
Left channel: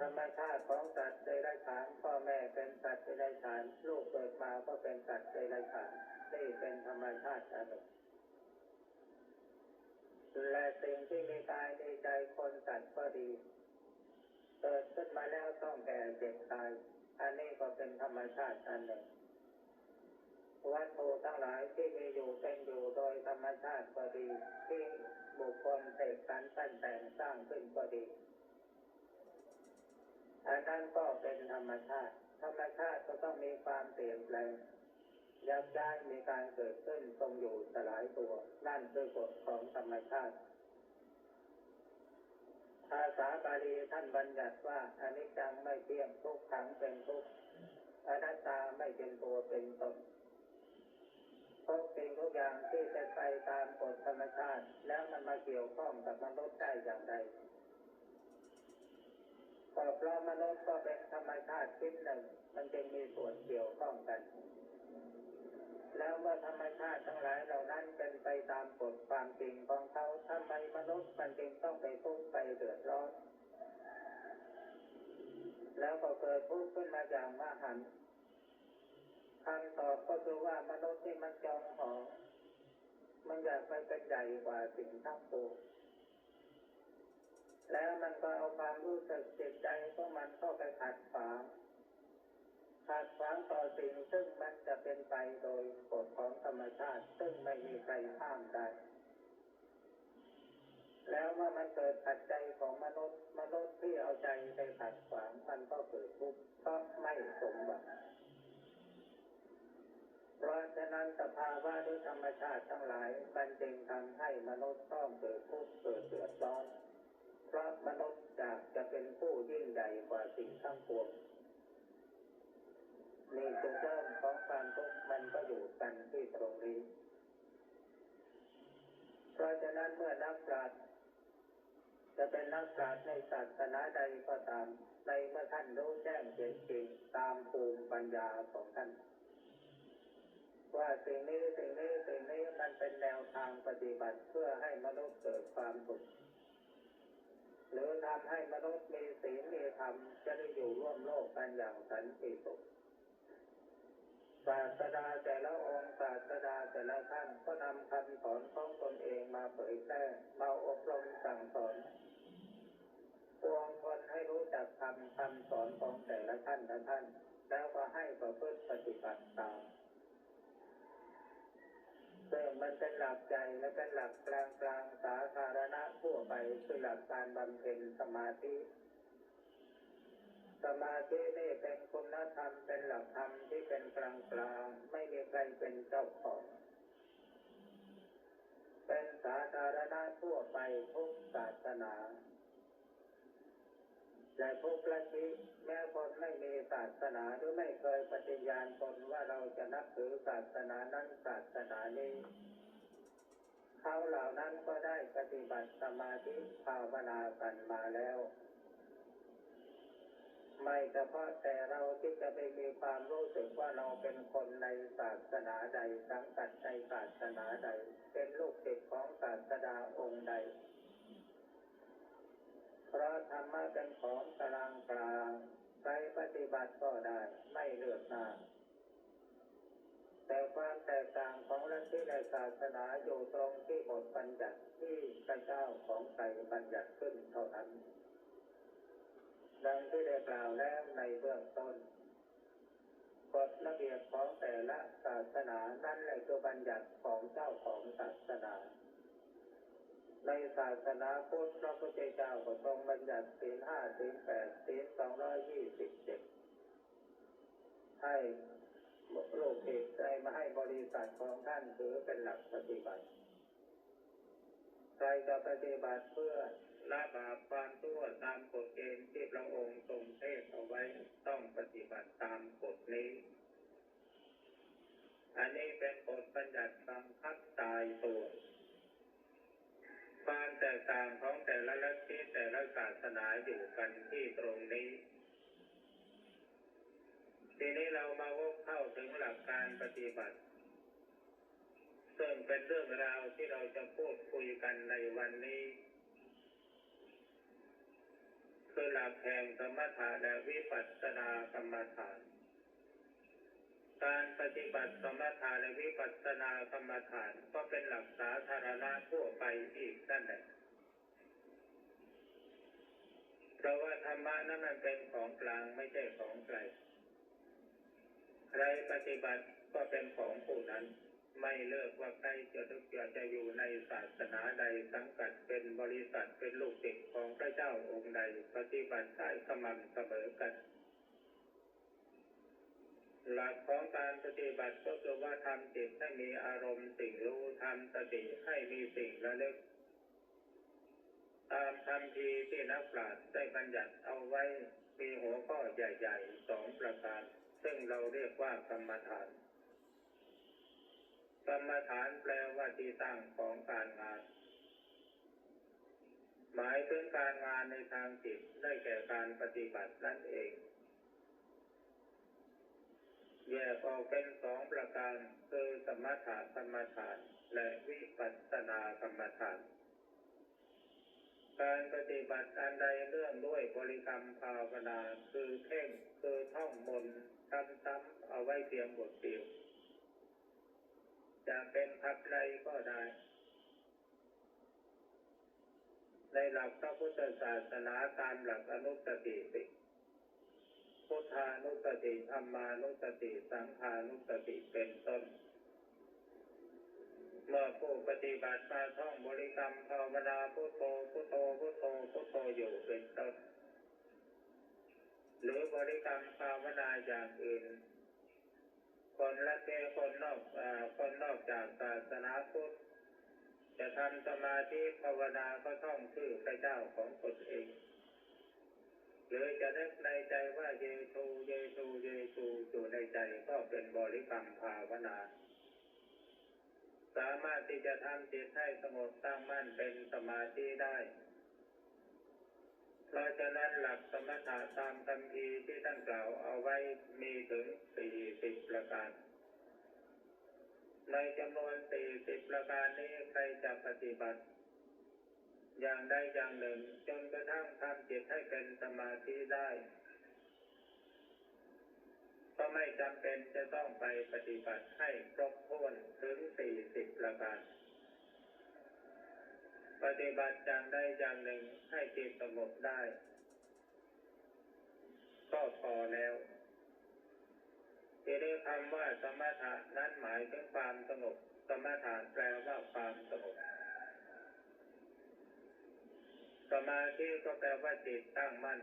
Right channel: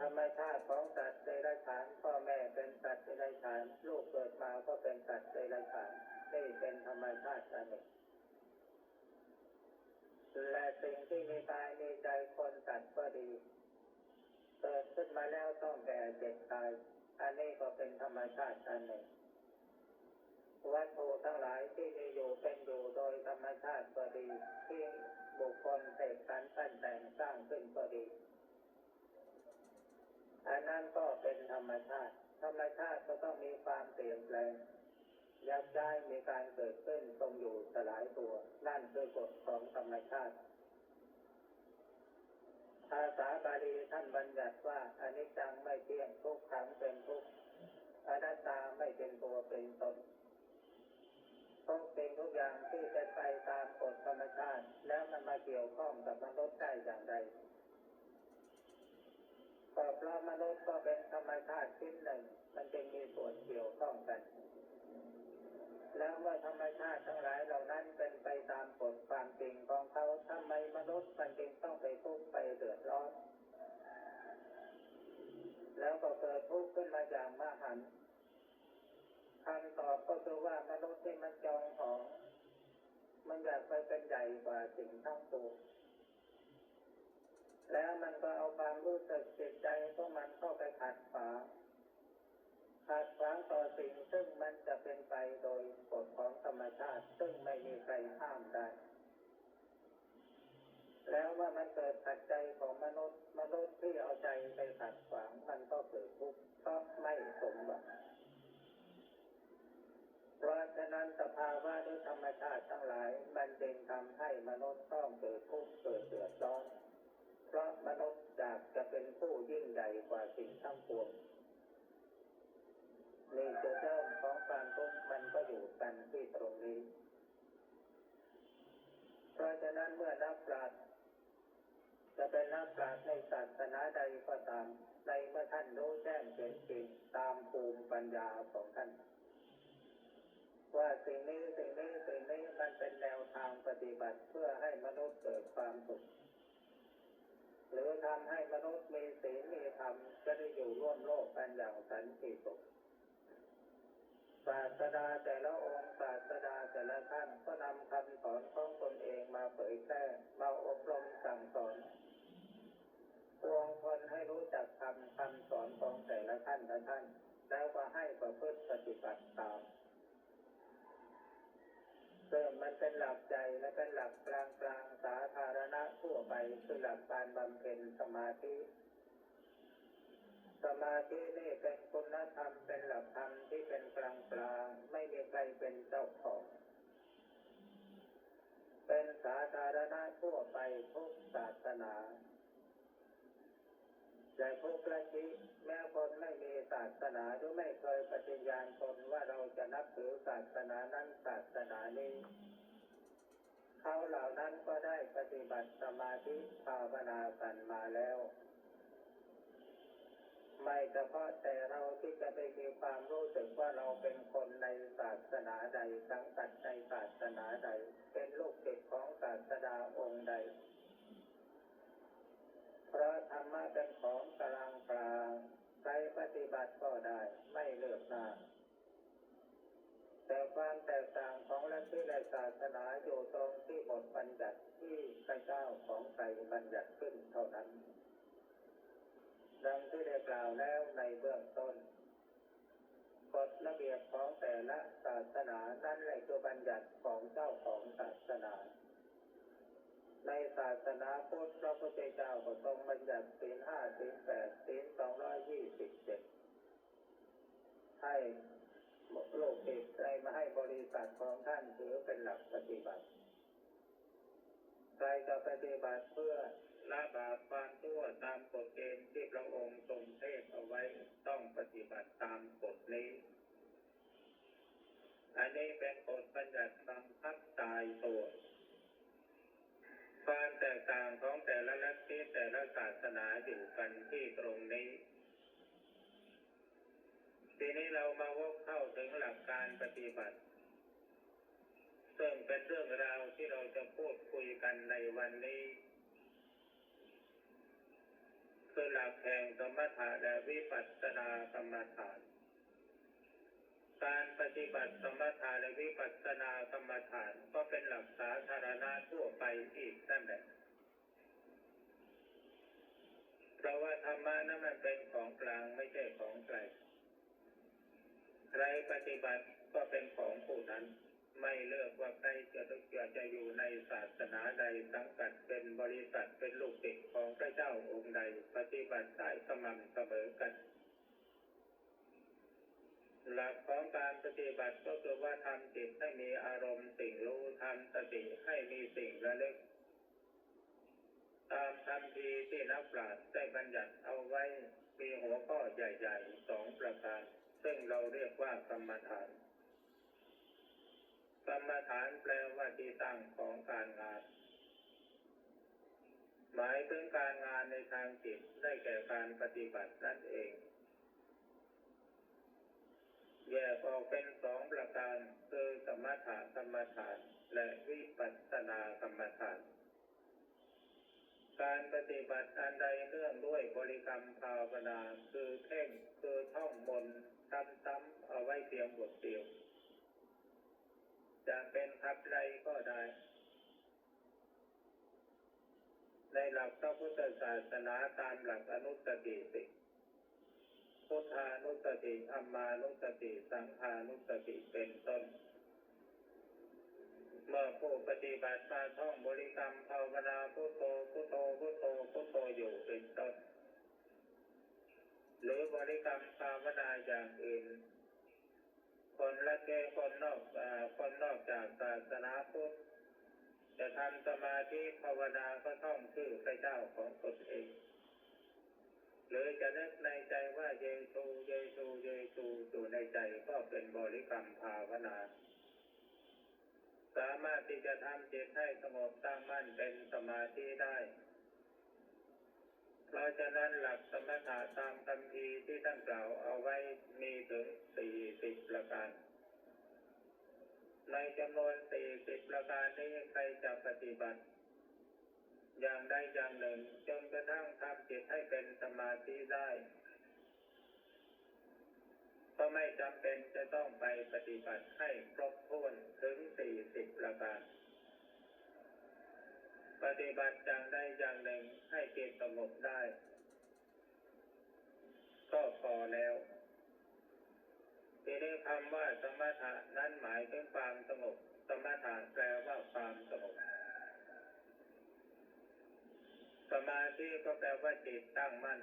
ธรรมชาติของสัตว์เดรัจฉานพ่อแม่เป็นสัตว์เดรัจฉานลูกเกิดมาก็เป็นสัตว์เดรัจฉานนี่เป็นธรรมชาติอันหนึ่งและสิ่งที่มีกายมีใจคนสัตว์ก็ดีเกิดขึ้นมาแล้วต้องแก่เจ็บตายอันนี้ก็เป็นธรรมชาติอันหนึ่งวัตถุทั้งหลายที่มีอยู่เป็นอยู่โดยธรรมชาติก็ดีที่บุคคลเสกสรรปั้นแต่งสร้างขึ้นก็ดีอันนั้นก็เป็นธรรมชาติธรรมชาติก็ต้องมีความเปลี่ยนแปลงยักย้ายมีการเกิดขึ้นทรงอยู่สลายตัวนั่นคือกฎของธรรมชาติภาษาบาลีท่านบัญญัติว่าอนิจจังไม่เที่ยงทุกขังเป็นทุกข์อนัตตาไม่เป็นตัวเป็นตนทุกสิ่งทุกอย่างที่เป็นไปตามกฎธรรมชาติแล้วมันมาเกี่ยวข้องกับมนุษย์ได้อย่างไรก็เพราะมนุษย์ก็เป็นธรรมชาติชิ้นหนึ่งมันจึงมีส่วนเกี่ยวข้องกันแล้วเมื่อธรรมชาติทั้งหลายเหล่านั้นเป็นไปตามกฎความจริงของเขาทำไมมนุษย์มันจึงต้องไปทุกข์ไปเดือดร้อนแล้วก็เกิดทุกข์ขึ้นมาอย่างมหันต์คำตอบก็คือว่ามนุษย์ที่มันจองหองมันอยากไปเป็นใหญ่กว่าสิ่งทั้งปวงแล้วมันก็เอาความรู้สึกจิตใจของมันเข้าไปขัดขวางต่อสิ่งซึ่งมันจะเป็นไปโดยกฎของธรรมชาติซึ่งไม่มีใครห้ามได้แล้วว่ามันเกิดปัจจัยของมนุษย์ที่เอาใจไปขัดขวางมันก็เกิดทุกข์เพราะไม่สมหวังเพราะฉะนั้นสภาวะด้วยธรรมชาติทั้งหลายมันจึงทำให้มนุษย์ต้องเกิดทุกข์เกิดเดือดร้อนเพราะมนุษย์อยากจะเป็นผู้ยิ่งใหญ่กว่าสิ่งทั้งปวงนี่จุดเริ่มของความทุกข์มันก็อยู่กันที่ตรงนี้เพราะฉะนั้นเมื่อนักปราชญ์จะเป็นนักปราชญ์ในศาสนาใดก็ตามในเมื่อท่านรู้แจ้งเห็นจริงตามภูมิปัญญาของท่านว่าสิ่งนี้มันเป็นแนวทางปฏิบัติเพื่อให้มนุษย์เกิดความสุขหรือทำให้มนุษย์มีศีลมีธรรมจะได้อยู่ร่วมโลกกันอย่างสันติสุขศาสดาแต่ละองค์ศาสดาแต่ละท่านก็นำคำสอนของตนเองมาเผยแพร่มาอบรมสั่งสอนปวงชนให้รู้จักคำสอนของแต่ละท่านแล้วก็ให้ประพฤติปฏิบัติตามซึ่งมันเป็นหลักใจและเป็นหลักกลางสาธารณะทั่วไปคือหลักการบำเพ็ญสมาธินี่เป็นคุณธรรมเป็นหลักธรรมที่เป็นกลางไม่มีใครเป็นเจ้าของเป็นสาธารณะทั่วไปทุกศาสนาและทุกลัทธิแม้คนไม่มีศาสนาหรือไม่เคยปฏิญาณตนว่าเราจะนับถือศาสนานั้นศาสนานี้เขาเหล่านั้นก็ได้ปฏิบัติสมาธิภาวนากันมาแล้ว ไม่เฉพาะแต่เราที่จะไปมีความรู้สึกว่าเราเป็นคนในศาสนาใดสังกัดในศาสนาใดเป็นลูกศิษย์ของศาสดาองค์ใดเพราะธรรมะเป็นของกลางกลางใครปฏิบัติก็ได้ไม่เลือกหน้าแต่ความแตกต่างของลัทธิและศาสนาอยู่ตรงที่บทบัญญัติที่พระเจ้าของใครบัญญัติขึ้นเท่านั้นดังที่ได้กล่าวแล้วในเบื้องต้นกฎระเบียบของแต่ละศาสนานั่นแหละคือบัญญัติของเจ้าของศาสนาในศาสนาพุทธพระพุทธเจ้าก็ทรงบัญญัติศีล 5 ศีล 8 ศีล 227ให้ลูกศิษย์ได้มาให้บริษัทของท่านถือเป็นหลักปฏิบัติใครจะปฏิบัติเพื่อละบาปความชั่วตามกฎเกณฑ์ที่พระองค์ทรงเทศเอาไว้ต้องปฏิบัติตามกฎนี้อันนี้เป็นกฎบัญญัติบังคับตายตัวความแตกต่างของแต่ละลัทธิแต่ละศาสนาอยู่กันที่ตรงนี้ทีนี้เรามาวกเข้าถึงหลักการปฏิบัติซึ่งเป็นเรื่องราวที่เราจะพูดคุยกันในวันนี้คือหลักแห่งสมถะและวิปัสสนากรรมฐานการปฏิบัติสมถะและวิปัสสนากรรมฐานก็เป็นหลักสาธารณะทั่วไปอีกนั่นแหละเพราะว่าธรรมะนั้นมันเป็นของกลางไม่ใช่ของไกลใครปฏิบัติก็เป็นของผู้นั้นไม่เลือกว่าใครจะอยู่ในศาสนาใดสังกัดเป็นบริษัทเป็นลูกศิษย์ของพระเจ้าองค์ใดปฏิบัติได้สม่ำเสมอกันหลักของการปฏิบัติก็คือว่าทำจิตให้มีอารมณ์สิ่งรู้ทำสติให้มีสิ่งระลึกตามคำพีที่นักปราชญ์ได้บัญญัติเอาไว้มีหัวข้อใหญ่ๆ2 ประการซึ่งเราเรียกว่ากรรมฐานกรรมฐานแปลว่าที่ตั้งของการงานหมายถึงการงานในทางจิตได้แก่การปฏิบัตินั่นเองแยกออกเป็น2 ประการคือสมถกรรมฐานและวิปัสสนากรรมฐานการปฏิบัติอันใดเนื่องด้วยบริกรรมภาวนาคือเพ่งคือท่องมนต์ซ้ำๆเอาไว้เพียงบทเดียวจะเป็นขับไล่ก็ได้ในหลักพระพุทธศาสนาตามหลักอนุสติ10พุทธานุสติธัมมานุสติสังฆานุสติเป็นต้นเมื่อผู้ปฏิบัติมาท่องบริกรรมภาวนาพุทโธพุทโธพุทโธพุทโธอยู่เป็นต้นหรือบริกรรมภาวนาอย่างอื่นคนละเทคนนอกจากศาสนาพุทธจะทำสมาธิภาวนาก็ท่องชื่อพระเจ้าของตนเองหรือจะนึกในใจว่าเยซูเยซูเยซูอยู่ในใจก็เป็นบริกรรมภาวนาสามารถที่จะทำจิตให้สงบตั้งมั่นเป็นสมาธิได้เพราะฉะนั้นหลักสมถะตามคำพีที่ท่านกล่าวเอาไว้มีถึง40 ประการในจำนวน40 ประการนี้ใครจะปฏิบัติอย่างใดอย่างหนึ่งจนกระทั่งทำจิตให้เป็นสมาธิได้ก็ไม่จำเป็นจะต้องไปปฏิบัติให้ครบถ้วนถึง40 ประการปฏิบัติอย่างใดอย่างหนึ่งให้จิตสงบได้ก็พอแล้วที่ได้คำว่าสมถะนั้นหมายถึงความสงบสมถะแปลว่าความสงบสมาธิก็แปลว่าจิตตั้งมั่น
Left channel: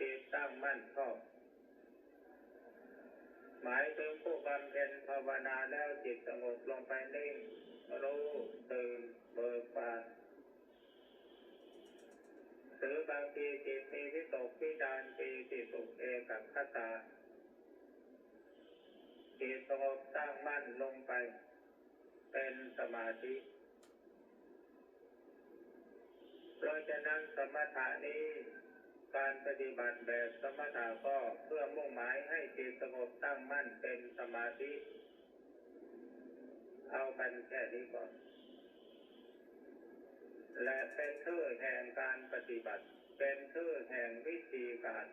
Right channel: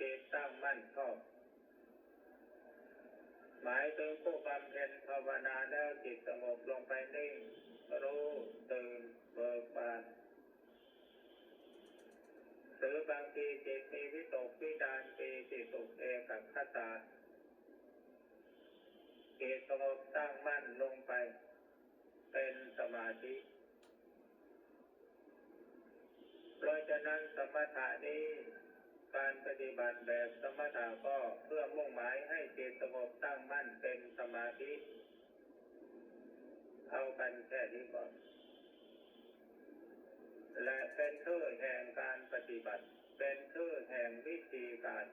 จิตตั้งมั่นชอบหมายถึงผู้บำเพ็ญภาวนาแล้วจิตสงบลงไปนิ่งรู้ตื่นเบิกบานหรือบางทีจิตมีวิตกวิจารปีติสุขเอกัคตาจิตสงบตั้งมั่นลงไปเป็นสมาธิเพราะฉะนั้นสมถะนี้ การปฏิบัติแบบสมถะก็เพื่อมุ่งหมายให้จิตสงบตั้งมั่นเป็นสมาธิเอากันแค่นี้ก่อนและเป็นชื่อแห่งการปฏิบัติเป็นชื่อแห่งวิธีการ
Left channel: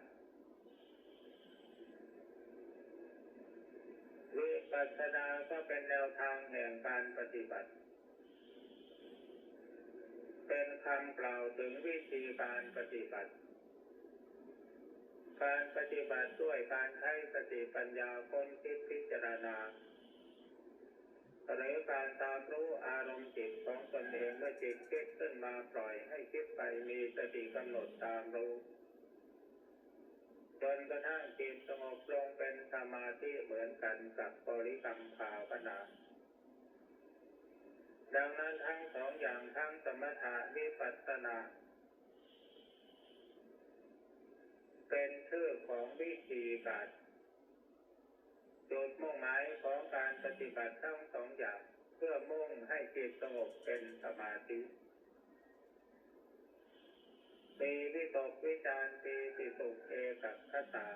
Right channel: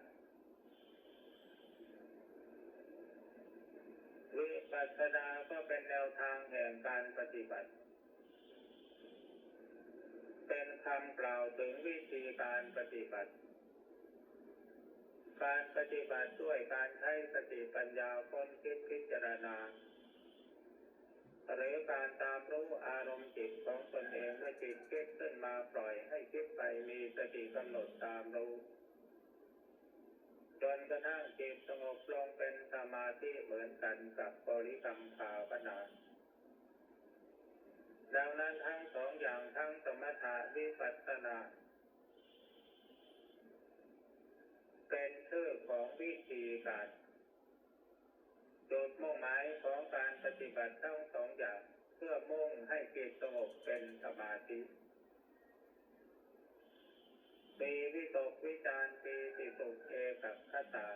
วิปัสสนาก็เป็นแนวทางแห่งการปฏิบัติเป็นคำกล่าวถึงวิธีการปฏิบัติการปฏิบัติด้วยการใช้สติปัญญาค้นคิดพิจารณาหรือการตามรู้อารมณ์จิตของตนเองเมื่อจิตคิดขึ้นมาปล่อยให้คิดไปมีสติกำหนดตามรู้จนกระทั่งจิตสงบลงเป็นสมาธิเหมือนกันกับบริกรรมภาวนาดังนั้นทั้งสองอย่างทั้งสมถะวิปัสสนาเป็นชื่อของวิธีการจุดมุ่งหมายของการปฏิบัติทั้งสองอย่างเพื่อมุ่งให้จิตสงบเป็นสมาธิมีวิตกวิจารปีติสุขเอกัคตา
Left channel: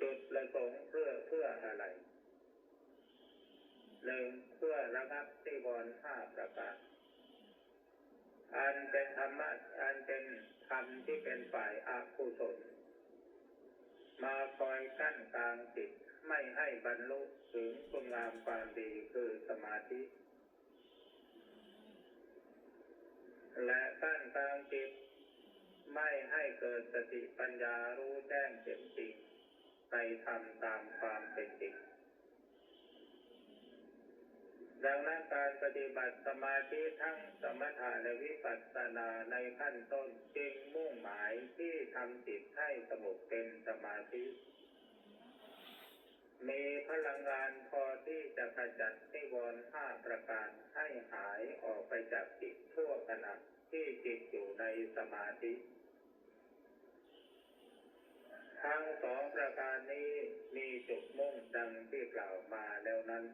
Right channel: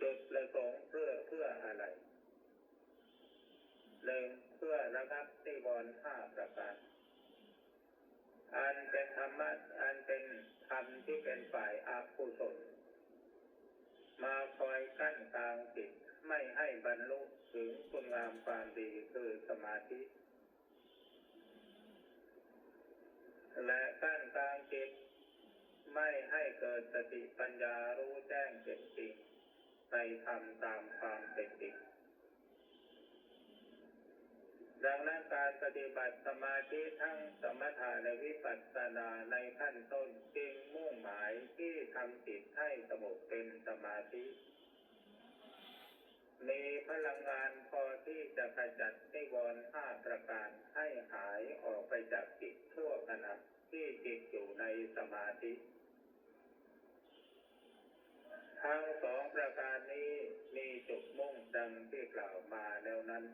จุดประสงค์เพื่ออะไรหนึ่งเพื่อระงับนิวรณ์ห้าประการอันเป็นธรรมะอันเป็นธรรมที่เป็นฝ่ายอกุศลมาคอยกั้นกลางจิตไม่ให้บรรลุถึงคุณงามความดีคือสมาธิและกั้นกลางจิตไม่ให้เกิดสติปัญญารู้แจ้งเห็นจริงในธรรมตามความเป็นจริงดังนั้นการปฏิบัติสมาธิทั้งสมถะและวิปัสสนาในขั้นต้นจึงมุ่งหมายที่ทำจิตให้สงบเป็นสมาธิมีพลังงานพอที่จะขจัดนิวรณ์ห้าประการให้หายออกไปจากจิตชั่วขณะที่จิตอยู่ในสมาธิทั้งสองประการนี้มีจุดมุ่งดังที่กล่าวมาแล้วนั้น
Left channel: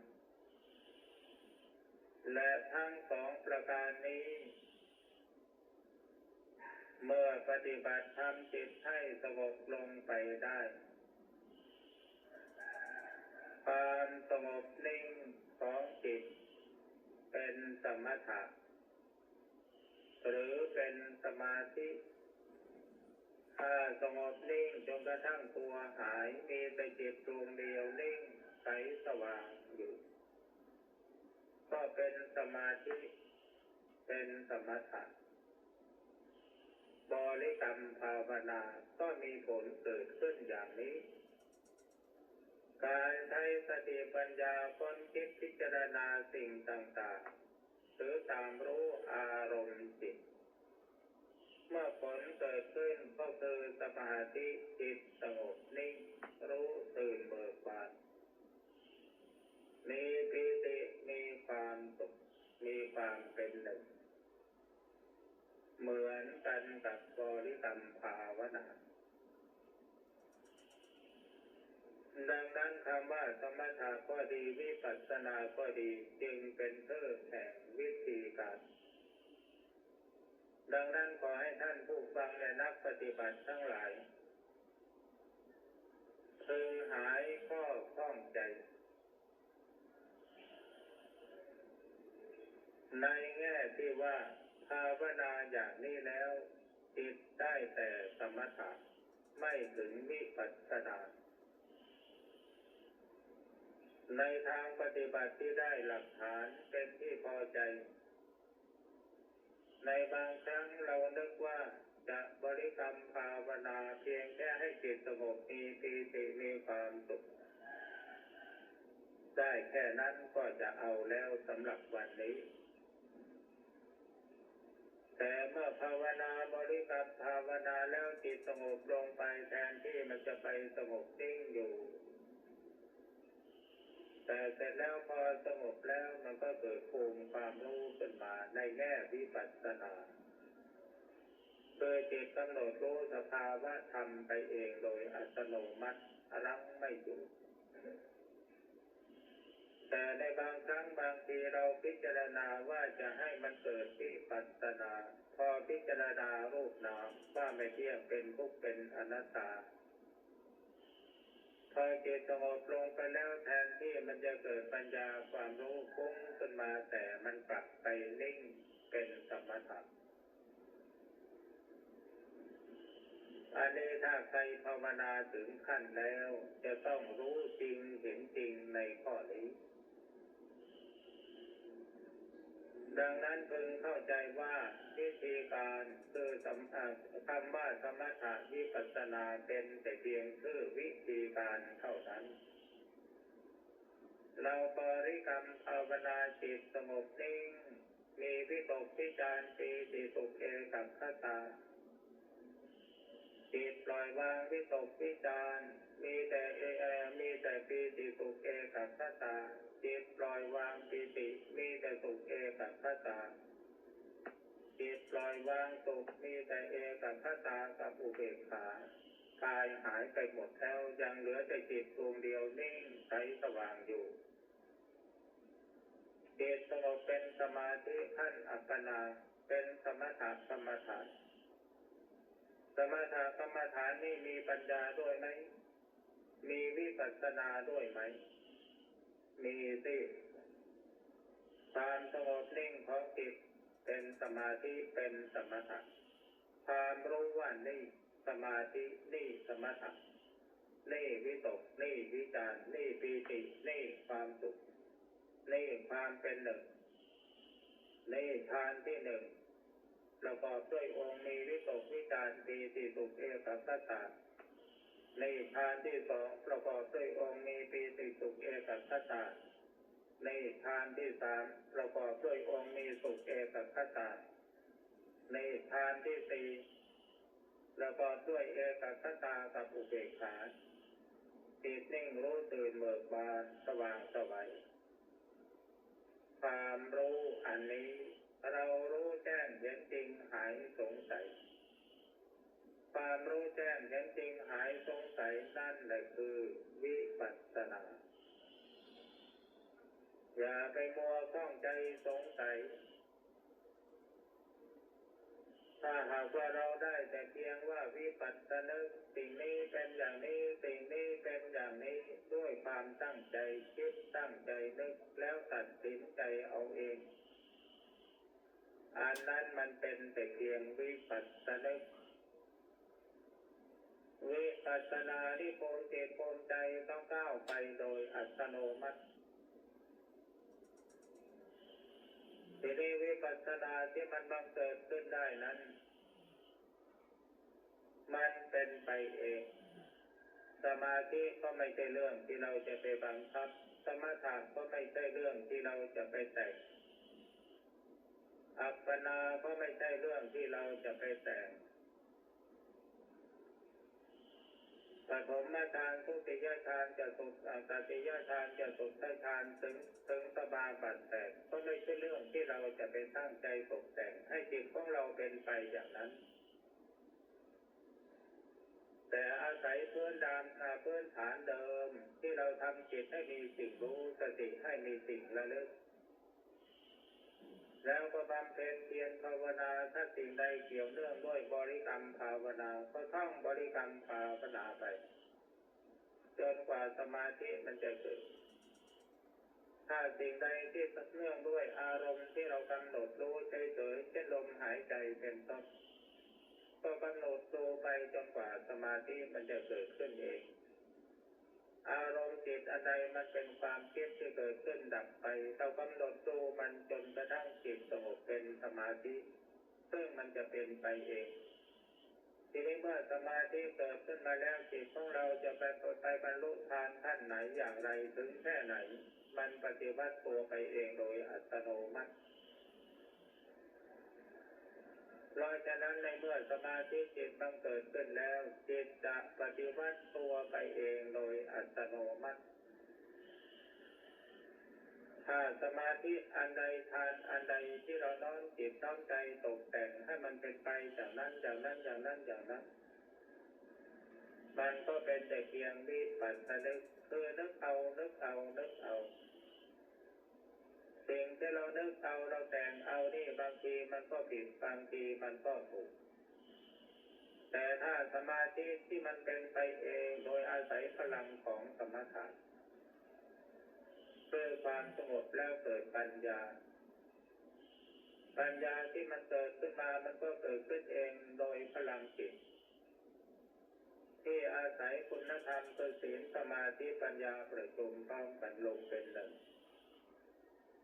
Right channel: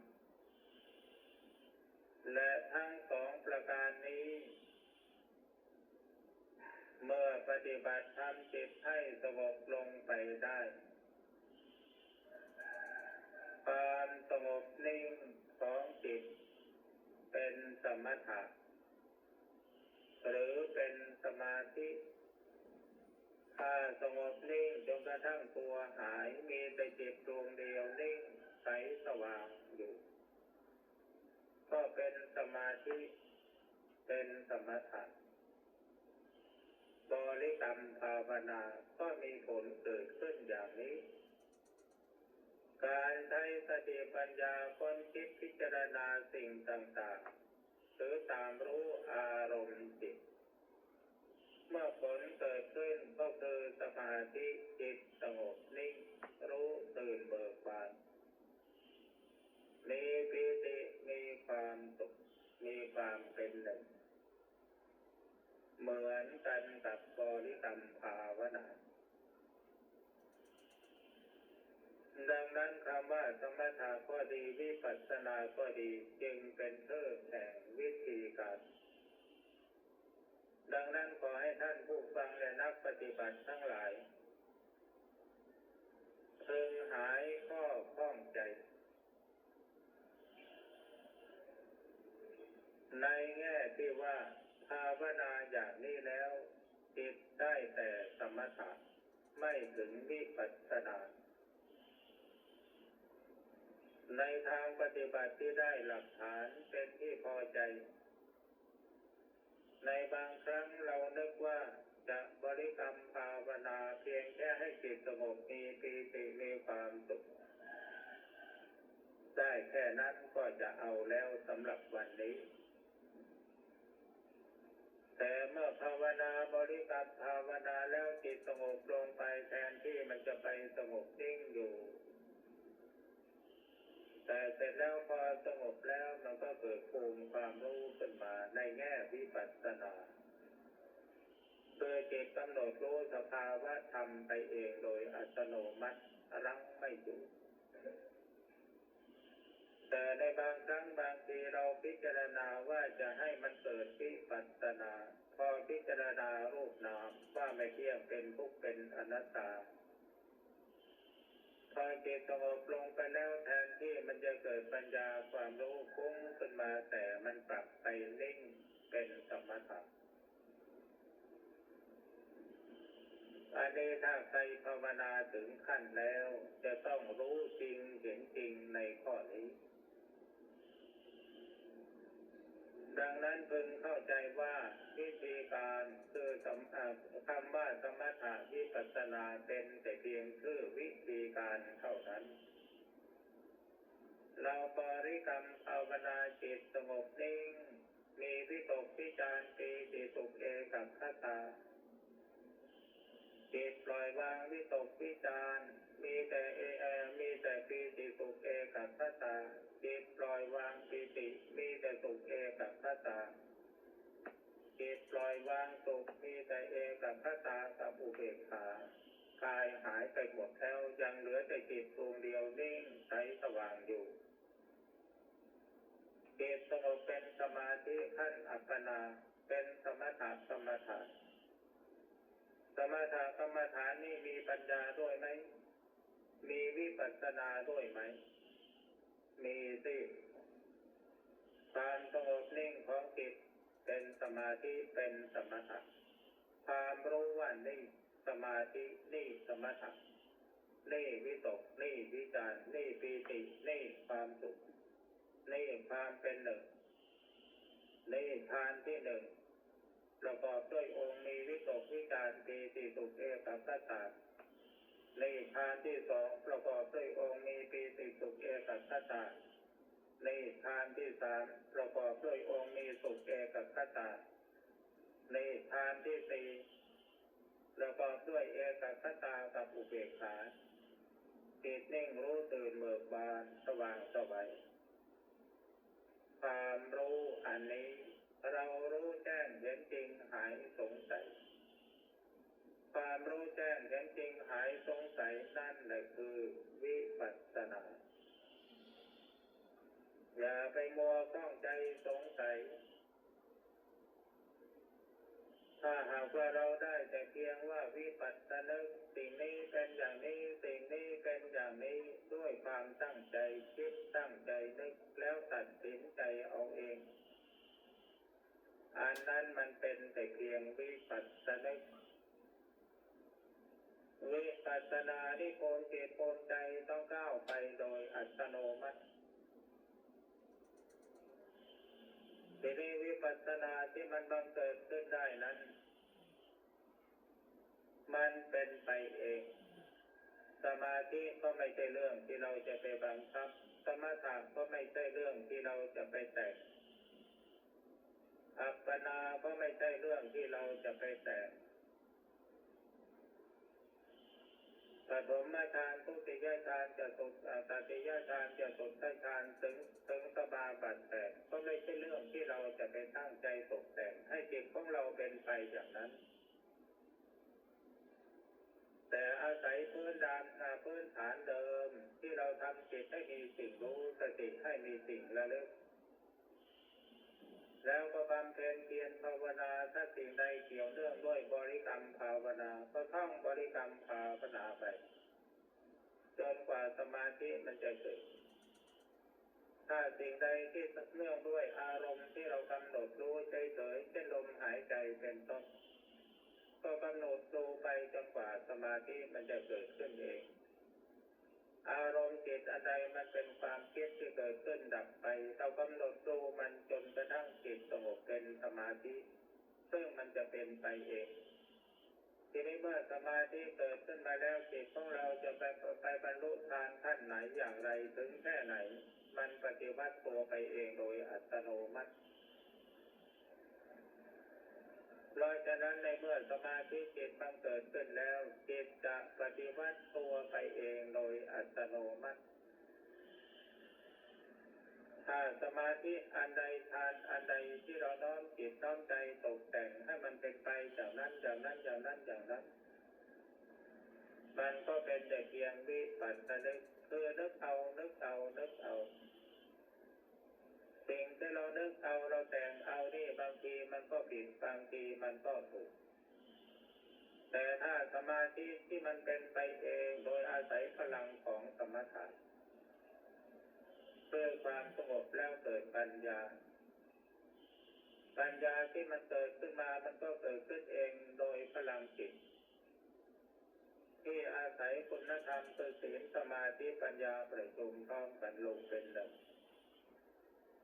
และทั้งสองประการนี้เมื่อปฏิบัติทำจิตให้สงบลงไปได้ความสงบนิ่งของจิตเป็นสมถะหรือเป็นสมาธิถ้าสงบนิ่งจนกระทั่งตัวหายมีแต่จิตดวงเดียวนิ่งใสสว่างอยู่ก็เป็นสมาธิเป็นสมถะบริกรรมภาวนาก็มีผลเกิดขึ้นอย่างนี้การใช้สติปัญญาค้นคิดพิจารณาสิ่งต่างๆหรือตามรู้อารมณ์จิตเมื่อผลเกิดขึ้นก็คือสมาธิจิตสงบนิ่งรู้ตื่นเบิกบานมีปีติมีความสุขมีความเป็นหนึ่งเหมือนกันกับบริกรรมภาวนาดังนั้นคำว่าสมถะก็ดีวิปัสสนาก็ดีจึงเป็นชื่อแห่งวิธีการดังนั้นขอให้ท่านผู้ฟังและนักปฏิบัติทั้งหลายพึงหายข้อข้องใจในแง่ที่ว่าภาวนาอย่างนี้แล้วจิตได้แต่สมถะไม่ถึงวิปัสสนาในทางปฏิบัติที่ได้หลักฐานเป็นที่พอใจในบางครั้งเรานึกว่าจะบริกรรมภาวนาเพียงแค่ให้จิตสงบมีปีติมีความสุขได้แค่นั้นก็จะเอาแล้วสำหรับวันนี้แต่เมื่อภาวนาบริกรรมภาวนาแล้วจิตสงบลงไปแทนที่มันจะไปสงบนิ่งอยู่แต่เสร็จแล้วพอสงบแล้วมันก็เกิดภูมิความรู้ขึ้นมาในแง่วิปัสสนาโดยจิตกำหนดรู้สภาวะธรรมไปเองโดยอัตโนมัติรั้งไม่อยู่แต่ในบางครั้งบางทีเราพิจารณาว่าจะให้มันเกิดวิปัสสนาพอพิจารณา ไม่เที่ยงเป็นทุกข์เป็นอนัตตาพอจิตสงบลงไปแล้วแทนที่มันจะเกิดปัญญาความรู้ฟุ้งขึ้นมาแต่มันกลับไปนิ่งเป็นสมถะอันนี้ถ้าใครภาวนาถึงขั้นแล้วจะต้องรู้จริงเห็นจริงในข้อนี้ดังนั้นพึงเข้าใจว่าวิธีการคือคำว่าสมถะวิปัสสนาเป็นแต่เพียงชื่อวิธีการเท่านั้นเราบริกรรมภาวนาจิตสงบนิ่งมีวิตกวิจารปีติสุขเอกัคตาจิตปล่อยวางวิตกวิจารมีแต่ปีติสุขเอกัคตาจิตปล่อยวางปีติมีแต่สุขเอกัคตาจิตปล่อยวางสุขมีแต่เอกัคตากับอุเบกขากายหายไปหมดแล้วยังเหลือแต่จิตดวงเดียวนิ่งใสสว่างอยู่จิตสงบเป็นสมาธิขั้นอัปปนาเป็นสมถะกรรมฐานสมถะกรรมฐานนี่มีปัญญาด้วยไหมมีวิปัสสนาด้วยไหมมีสิความสงบนิ่งของจิตเป็นสมาธิเป็นสมถะความรู้ว่านี่สมาธินี่สมถะนี่วิตกนี่วิจารนี่ปีตินี่ความสุขนี่ความเป็นหนึ่งนี่ฌานที่หนึ่งประกอบด้วยองค์มีวิตกวิจารปีติสุขเอกัคตานี่ฌานที่สองประกอบด้วยองค์มีปีติสุขเอกัคตานี่ฌานที่สามประกอบด้วยองค์มีสุขเอกัคตานี่ฌานที่สี่ประกอบด้วยเอกัคตากับอุเบกขาจิตนิ่งรู้ตื่นเบิกบานสว่างไสวความรู้อันนี้เรารู้แจ้งเห็นจริงหายสงสัยความรู้แจ้งเห็นจริงหายสงสัยนั่นแหละคือวิปัสสนาอย่าไปมัวข้องใจสงสัยถ้าหากว่าเราได้แต่เพียงว่าวิปัสสนึกสิ่งนี้เป็นอย่างนี้สิ่งนี้เป็นอย่างนี้ด้วยความตั้งใจคิดตั้งใจนึกแล้วตัดสินใจเอาเองอันนั้นมันเป็นแต่เพียงวิปัสสนึกวิปัสสนาที่โกนจิตโกนใจต้องก้าวไปโดยอัตโนมัติทีนี้วิปัสสนาที่มันบังเกิดขึ้นได้นั้นมันเป็นไปเองสมาธิก็ไม่ใช่เรื่องที่เราจะไปบังคับสมถะก็ไม่ใช่เรื่องที่เราจะไปแต่งอัปปนาก็ไม่ใช่เรื่องที่เราจะไปแต่งปฐมฌานทุติยฌานจะสุดตติยฌานจะสุดฌานถึงสมาบัติ8ก็ไม่ใช่เรื่องที่เราจะไปตั้งใจตกแต่งให้จิตของเราเป็นไปอย่างนั้นแต่อาศัยพื้นฐานเดิมที่เราทำจิตให้มีสิ่งรู้สติให้มีสิ่งระลึกแล้วก็บำเพ็ญเพียรภาวนาถ้าสิ่งใดเกี่ยวเนื่องด้วยบริกรรมภาวนาก็ท่องบริกรรมภาวนาไปจนกว่าสมาธิมันจะเกิดถ้าสิ่งใดที่เนื่องด้วยอารมณ์ที่เรากำหนดรู้เฉยๆเช่นลมหายใจเป็นต้นก็กำหนดดูไปจนกว่าสมาธิมันจะเกิดขึ้นเองอารมณ์จิตอันใดมันเป็นความคิดที่เกิดขึ้นดับไปเรากำหนดดูมันจนกระทั่งจิตสงบเป็นสมาธิซึ่งมันจะเป็นไปเองทีนี้เมื่อสมาธิเกิดขึ้นมาแล้วจิตของเราจะไปบรรลุฌานขั้นไหนอย่างไรถึงแค่ไหนมันปฏิวัติตัวไปเองโดยอัตโนมัติเพราะฉะนั้นในเมื่อสมาธิจิตบังเกิดขึ้นแล้วจิตจะปฏิวัติตัวไปเองโดยอัตโนมัติถ้าสมาธิอันใดฌานอันใดที่เราน้อมจิตน้อมใจตกแต่งให้มันเป็นไปอย่างนั้นอย่างนั้นอย่างนั้นอย่างนั้นมันก็เป็นแต่เพียงวิปัสสนึกคือนึกเอาสิ่งที่เรานึกเอาเราแต่งเอานี่บางทีมันก็ผิดบางทีมันก็ถูก แต่ถ้าสมาธิที่มันเป็นไปเองโดยอาศัยพลังของกรรมฐานเพื่อความสงบแล้วเกิดปัญญาที่มันเกิดขึ้นมามันก็เกิดขึ้นเองโดยพลังจิตที่อาศัยคุณธรรมคือศีลสมาธิปัญญาประชุมพร้อมกันลงเป็นหนึ่ง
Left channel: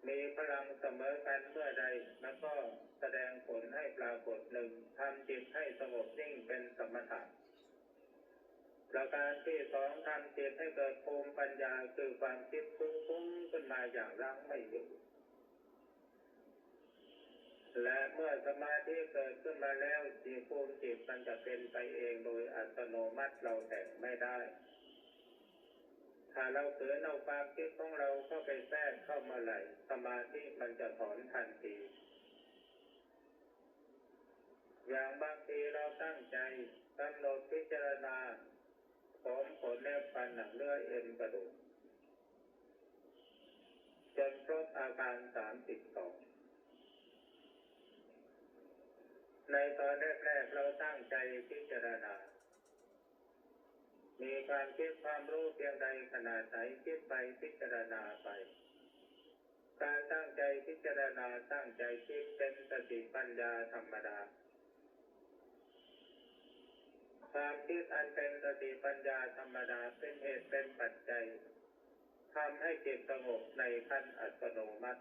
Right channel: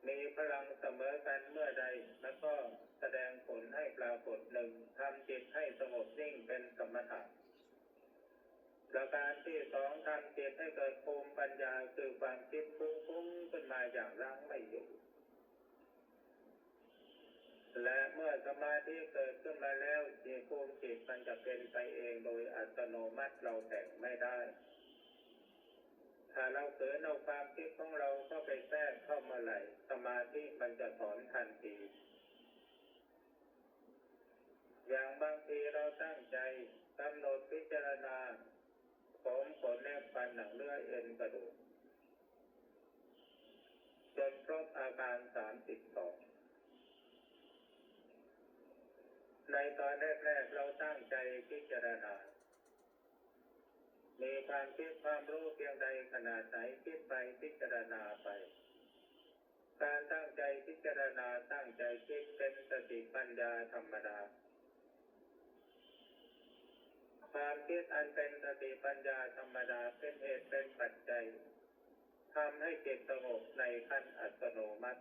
มีพลังเสมอกันเมื่อใดมันก็แสดงผลให้ปรากฏหนึ่งทำจิตให้สงบนิ่งเป็นสมถะประการที่สองทำจิตให้เกิดภูมิปัญญาคือความคิดฟุ้งขึ้นมาอย่างรั้งไม่อยู่และเมื่อสมาธิเกิดขึ้นมาแล้วภูมิจิตมันจะเป็นไปเองโดยอัตโนมัติเราแต่งไม่ได้ถ้าเราเกิดเอาความคิดของเราเข้าไปแทรกเข้ามาไหลสมาธิมันจะถอนทันทีอย่างบางทีเราตั้งใจกำหนดพิจารณาผมขนเล็บฟันหนังเนื้อเอ็นกระดูกจนครบอาการ32ในตอนแรกๆเราตั้งใจพิจารณามีความคิดความรู้เพียงใดขนาดไหนคิดไปพิจารณาไปการตั้งใจพิจารณาตั้งใจคิดเป็นสติปัญญาธรรมดาความคิดอันเป็นสติปัญญาธรรมดาเป็นเหตุเป็นปัจจัยทำให้จิตสงบในขั้นอัตโนมัติ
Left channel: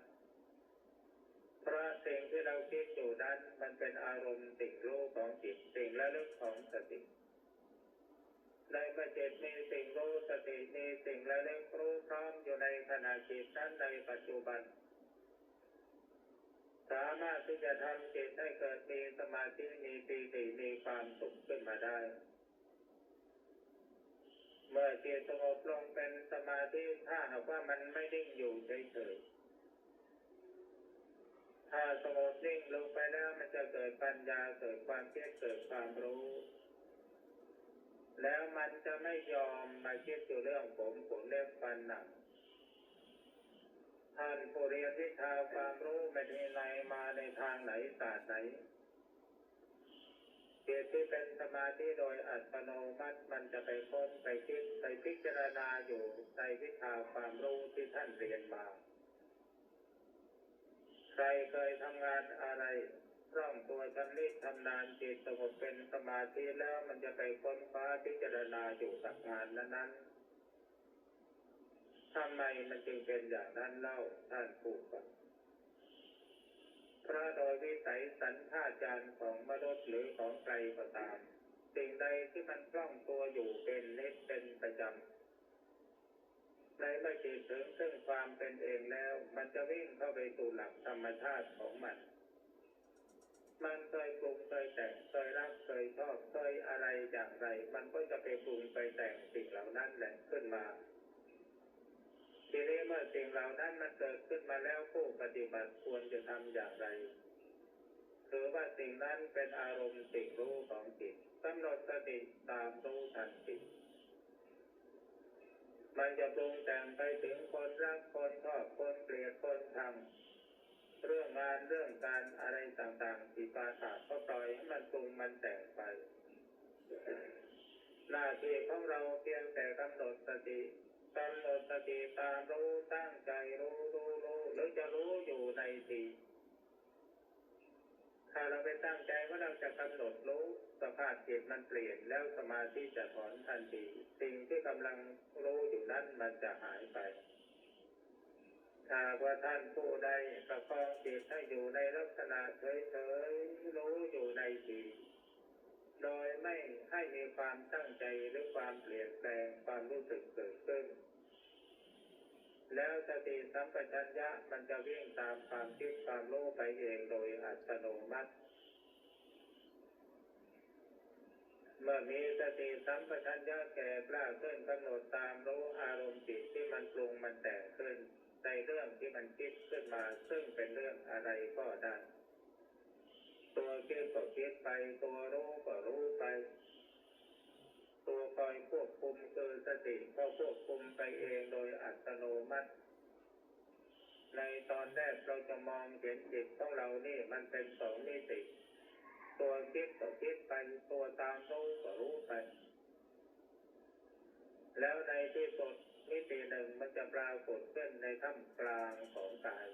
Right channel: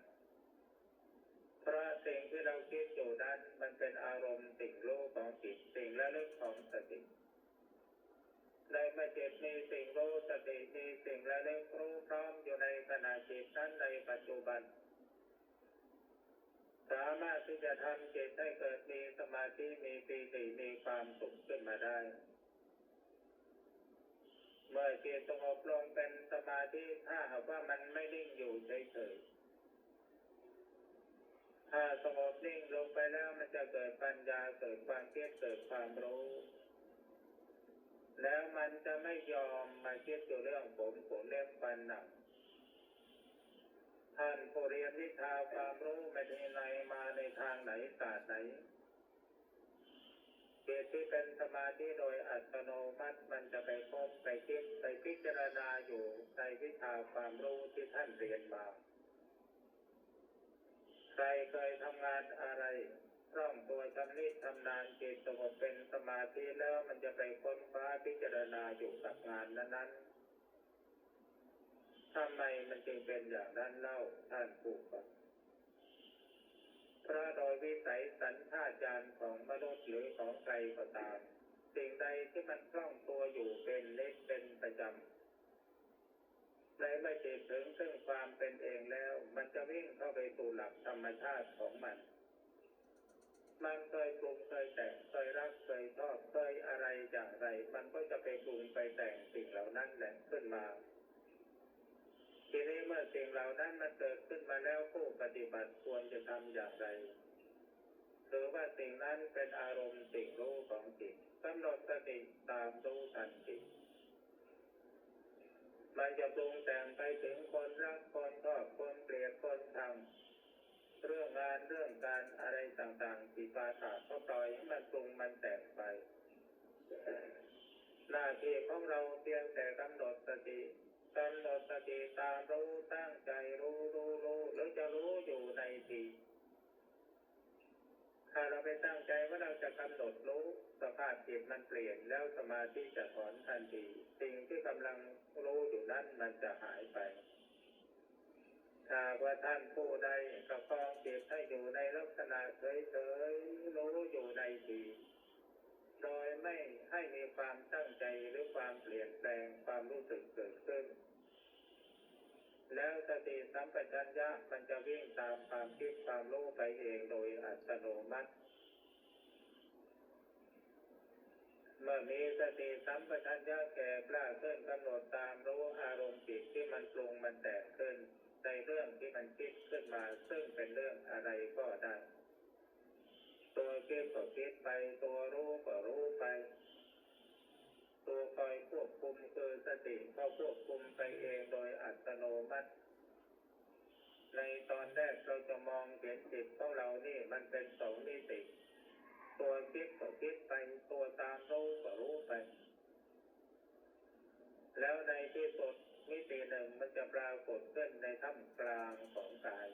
เพราะสิ่งที่เราคิดอยู่นั้นมันเป็นอารมณ์สิ่งรู้ของจิตสิ่งระลึกของสติในเมื่อจิตมีสิ่งรู้สติมีสิ่งระลึกรู้พร้อมอยู่ในขณะจิตนั้นในปัจจุบันสามารถที่จะทำจิตให้เกิดมีสมาธิมีปีติมีความสุขขึ้นมาได้เมื่อจิตสงบลงเป็นสมาธิถ้าหากว่ามันไม่นิ่งอยู่เฉยๆถ้าสงบนิ่งลงไปแล้วมันจะเกิดปัญญาเกิดความคิดเกิดความรู้แล้วมันจะไม่ยอมมาคิดอยู่เรื่องผมขนเล็บฟันหนังท่านผู้เรียนวิชาความรู้ไม่ได้ในมาในทางไหนศาสตร์ไหนจิตที่เป็นสมาธิโดยอัตโนมัติมันจะไปค้นไปคิดไปพิจารณาอยู่ในวิชาความรู้ที่ท่านเรียนมาใครเคยทำงานอะไรคล่องตัวชำนิชำนาญจิตสงบเป็นสมาธิแล้วมันจะไปค้นคว้าพิจารณาอยู่กับงานนั้นๆทำไมมันจึงเป็นอย่างนั้นเล่าท่านผู้ฟังเพราะโดยวิสัยสัญชาตญาณของมนุษย์หรือของใครก็ตามสิ่งใดที่มันคล่องตัวอยู่เป็นนิจเป็นประจำในเมื่อจิตถึงซึ่งความเป็นเองแล้วมันจะวิ่งเข้าไปสู่หลักธรรมชาติของมันเคยปรุงเคยแต่งเคยรักเคยชอบเคยอะไรอย่างไรมันก็จะไปปรุงไปแต่งสิ่งเหล่านั้นแหละขึ้นมาทีนี้เมื่อสิ่งเหล่านั้นมันเกิดขึ้นมาแล้วผู้ปฏิบัติควรจะทำอย่างไรถือว่าสิ่งนั้นเป็นอารมณ์สิ่งรู้ของจิตกำหนดสติตามรู้ทันจิตมันจะปรุงแต่งไปถึงคนรักคนชอบคนเกลียดคนชังเรื่องงานเรื่องการอะไรต่างๆที่ปาฐะก็ปล่อยให้มันปรุงมันแต่งไปหน้าที่ของเราเพียงแต่กำหนดสติตามรู้ตั้งใจรู้หรือจะรู้อยู่ในทีถ้าเราไปตั้งใจว่าเราจะกำหนดรู้สภาพจิตมันเปลี่ยนแล้วสมาธิจะถอนทันทีสิ่งที่กำลังรู้อยู่นั้นมันจะหายไปถ้าว่าท่านผู้ใดประคองจิตให้อยู่ในลักษณะเฉยๆรู้อยู่ในทีโดยไม่ให้มีความตั้งใจหรือความเปลี่ยนแปลงความรู้สึกเกิดขึ้นแล้วสติสัมปชัญญะมันจะวิ่งตามความคิดความรู้ไปเองโดยอัตโนมัติเมื่อมีสติสัมปชัญญะแก่กล้าขึ้นกำหนดตามรู้อารมณ์จิตที่มันปรุงมันแต่งขึ้นในเรื่องที่มันคิดขึ้นมาซึ่งเป็นเรื่องอะไรก็ได้ตัวคิดก็คิดไปตัวรู้ก็รู้ไปตัวคอยควบคุมคือสติก็ควบคุมไปเองโดยอัตโนมัติในตอนแรกเราจะมองเห็นจิตของเรานี่มันเป็นสองมิติตัวคิดก็คิดไปตัวตามรู้ แล้วในที่สุดมิติหนึ่งมันจะปรากฏขึ้นในท่ามกลางของกาย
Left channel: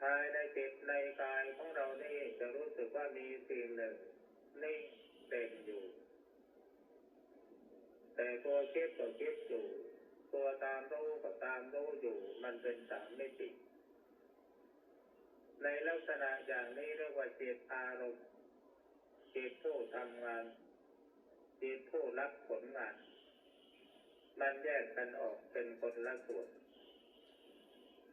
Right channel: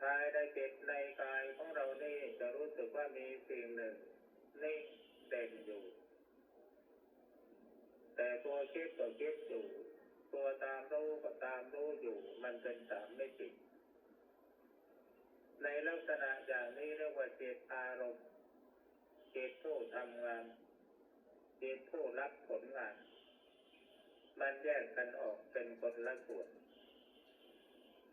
ภายในจิตในกายของเรานี่จะรู้สึกว่ามีสิ่งหนึ่งนิ่งเด่นอยู่แต่ตัวคิดก็คิดอยู่ตัวตามรู้ก็ตามรู้อยู่มันเป็นสามมิติในลักษณะอย่างนี้เรียกว่าจิตอารมณ์จิตผู้ทำงานจิตผู้รับผลงานมันแยกกันออกเป็นคนละส่วน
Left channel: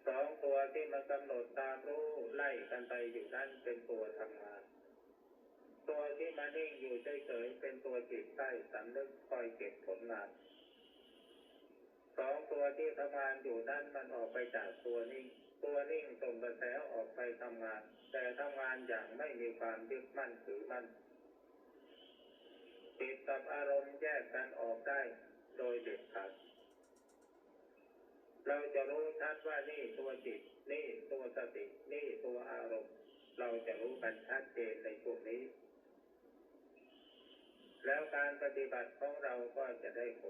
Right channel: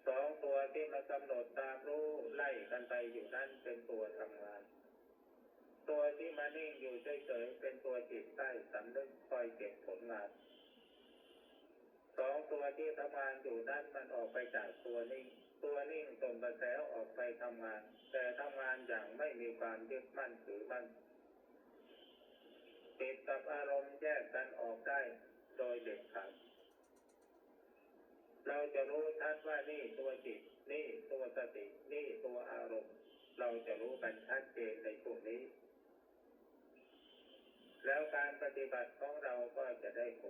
สองตัวที่มันกำหนดตามรู้ไล่กันไปอยู่นั่นเป็นตัวทำงานตัวที่มานิ่งอยู่เฉยๆเป็นตัวจิตใต้สำนึกคอยเก็บผลงานสองตัวที่ทำงานอยู่นั่นมันออกไปจากตัวนิ่งส่งกระแสออกไปทำงานแต่ทำงานอย่างไม่มีความยึดมั่นถือมั่นจิตกับอารมณ์แยกกันออกได้โดยเด็ดขาดเราจะรู้ชัดว่านี่ตัวจิตนี่ตัวสตินี่ตัวอารมณ์เราจะรู้กันชัดเจนในพวกนี้แล้วการปฏิบัติของเราก็จะได้ผ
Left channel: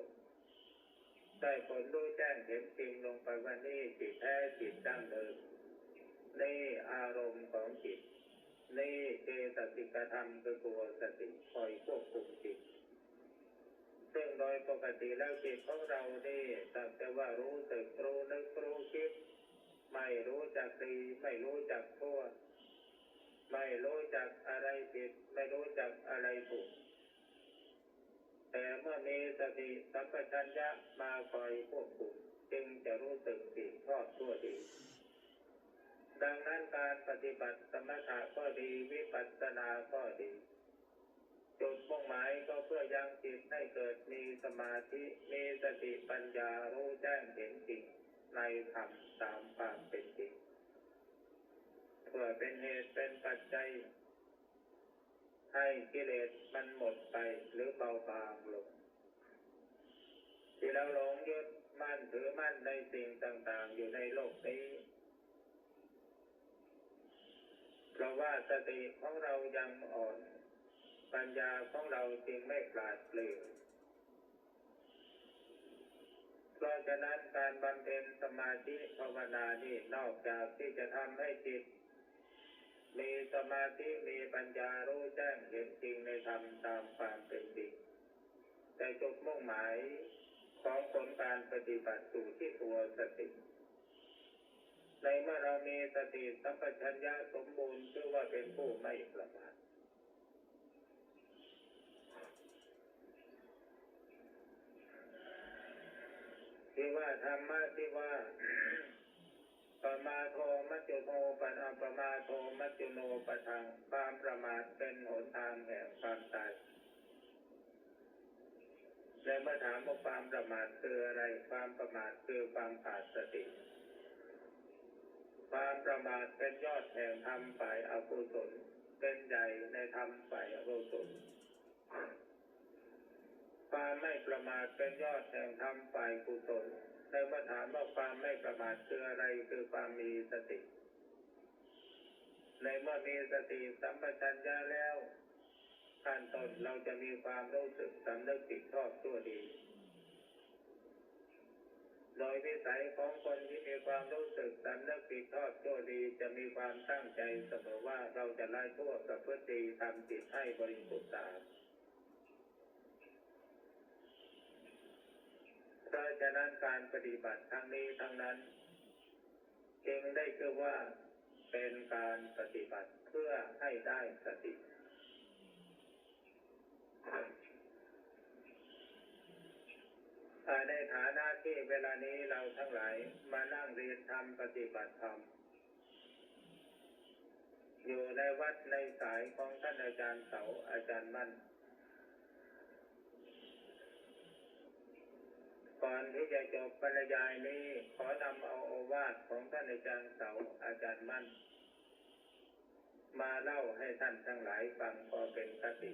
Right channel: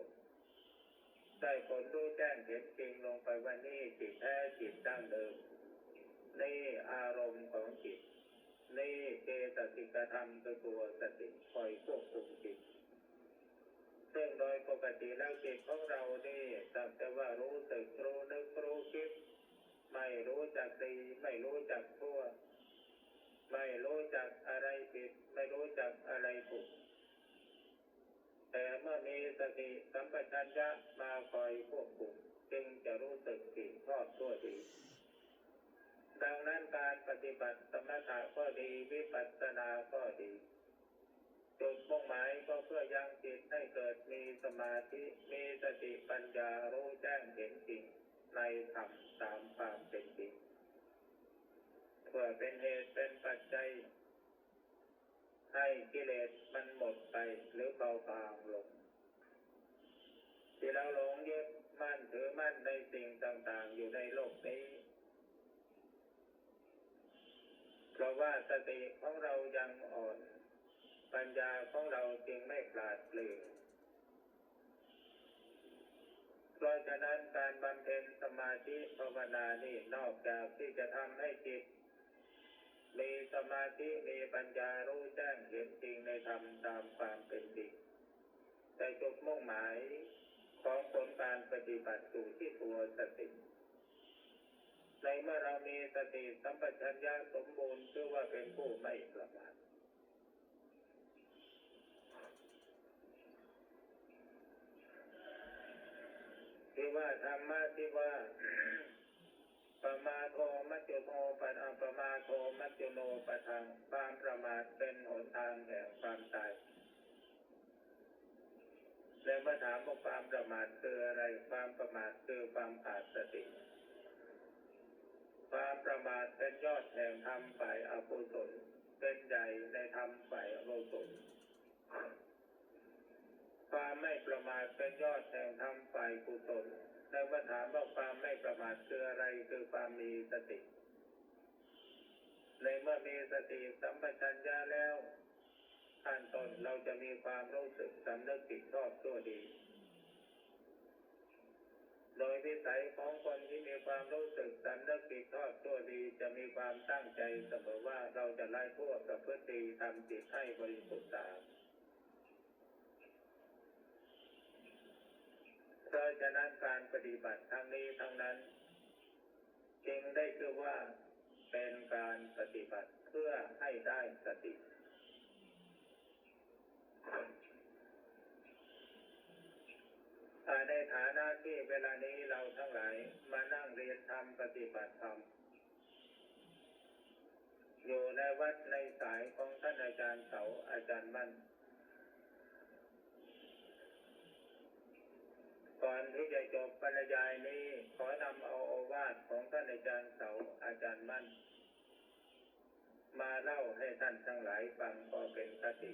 ลรู้แจ้งเห็นจริงลงไปว่านี่จิตแท้จิตดั้งเดิมนี่อารมณ์ของจิตนี่เจตสิกธรรมคือตัวสติคอยควบคุมจิตซึ่งโดยปกติแล้วจิตของเรานี่สักแต่ว่ารู้สึกรู้นึกรู้คิดไม่รู้จักดีไม่รู้จักชั่วไม่รู้จักอะไรผิดไม่รู้จักอะไรถูกแต่เมื่อมีสติสัมปชัญญะมาคอยควบคุมจึงจะรู้สึกผิดชอบชั่วดีดังนั้นการปฏิบัติสมถะก็ดีวิปัสสนาก็ดีจุดมุ่งหมายก็เพื่อยังจิตให้เกิดมีสมาธิมีสติปัญญารู้แจ้งเห็นจริงในธรรมตามความเป็นจริงเพื่อเป็นเหตุเป็นปัจจัยให้กิเลสมันหมดไปหรือเบาบางลงที่เราหลงยึดมั่นถือมั่นในสิ่งต่างๆอยู่ในโลกนี้เพราะว่าสติของเรายังอ่อนปัญญาของเราจึงไม่ปราดเปรื่องเพราะฉะนั้นการบำเพ็ญสมาธิภาวนานี่นอกจากที่จะทำให้จิตมีสมาธิมีปัญญารู้แจ้งเห็นจริงในธรรมตามความเป็นจริงแต่จุดมุ่งหมายของผลการปฏิบัติอยู่ที่ตัวสติในเมื่อเรามีสติสัมปชัญญะสมบูรณ์ชื่อว่าเป็นผู้ไม่ประมาทที่ว่าธรรมะที่ว่าปมาโทมัจจุโนปัญปมาโทมัจจุโนปะทังความประมาทเป็นหนทางแห่งความตายในเมื่อถามว่าความประมาทคืออะไรความประมาทคือความขาดสติความประมาทเป็นยอดแห่งธรรมฝ่ายอกุศลเป็นใหญ่ในธรรมฝ่ายอกุศลความไม่ประมาทเป็นยอดแห่งธรรมฝ่ายกุศลในเมื่อถามว่าความไม่ประมาทคืออะไรคือความมีสติในเมื่อมีสติสัมปชัญญะแล้วขั้นต้นเราจะมีความรู้สึกสำนึกผิดชอบชั่วดีโดยวิสัยของคนที่มีความรู้สึกสำนึกผิดชอบชั่วดีจะมีความตั้งใจเสมอว่าเราจะละชั่วประพฤติดีทำจิตให้บริสุทธิ์สะอาดเพราะฉะนั้นการปฏิบัติทั้งนี้ทั้งนั้นจึงได้ชื่อว่าเป็นการปฏิบัติเพื่อให้ได้สติในฐานะที่เวลานี้เราทั้งหลายมานั่งเรียนธรรมปฏิบัติธรรมอยู่ในวัดในสายของท่านอาจารย์เสาอาจารย์มั่นก่อนที่จะจบบรรยายนี้ขอนำเอาโอวาทของท่านอาจารย์เสาอาจารย์มั่นมาเล่าให้ท่านทั้งหลายฟังก็เป็นคติ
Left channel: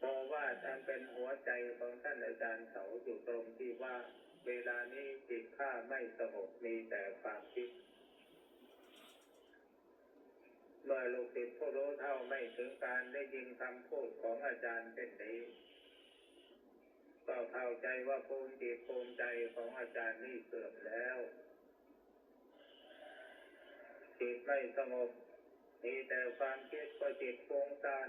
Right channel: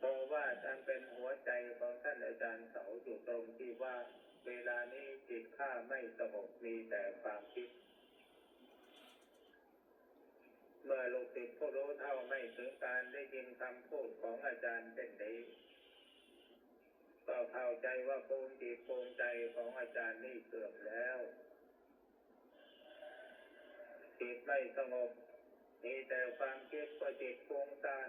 โอวาทอันเป็นหัวใจของท่านอาจารย์เสาอยู่ตรงที่ว่าเวลานี้จิตข้าไม่สงบมีแต่ความคิดเมื่อลูกศิษย์ผู้รู้เท่าไม่ ไม่ถึงการได้ยินคำพูดของอาจารย์เช่นนี้ก็เข้าใจว่าภูมิจิตภูมิใจของอาจารย์นี่เสื่อมแล้วจิตไม่สงบมีแต่ความคิดก็จิตฟุ้งซ่าน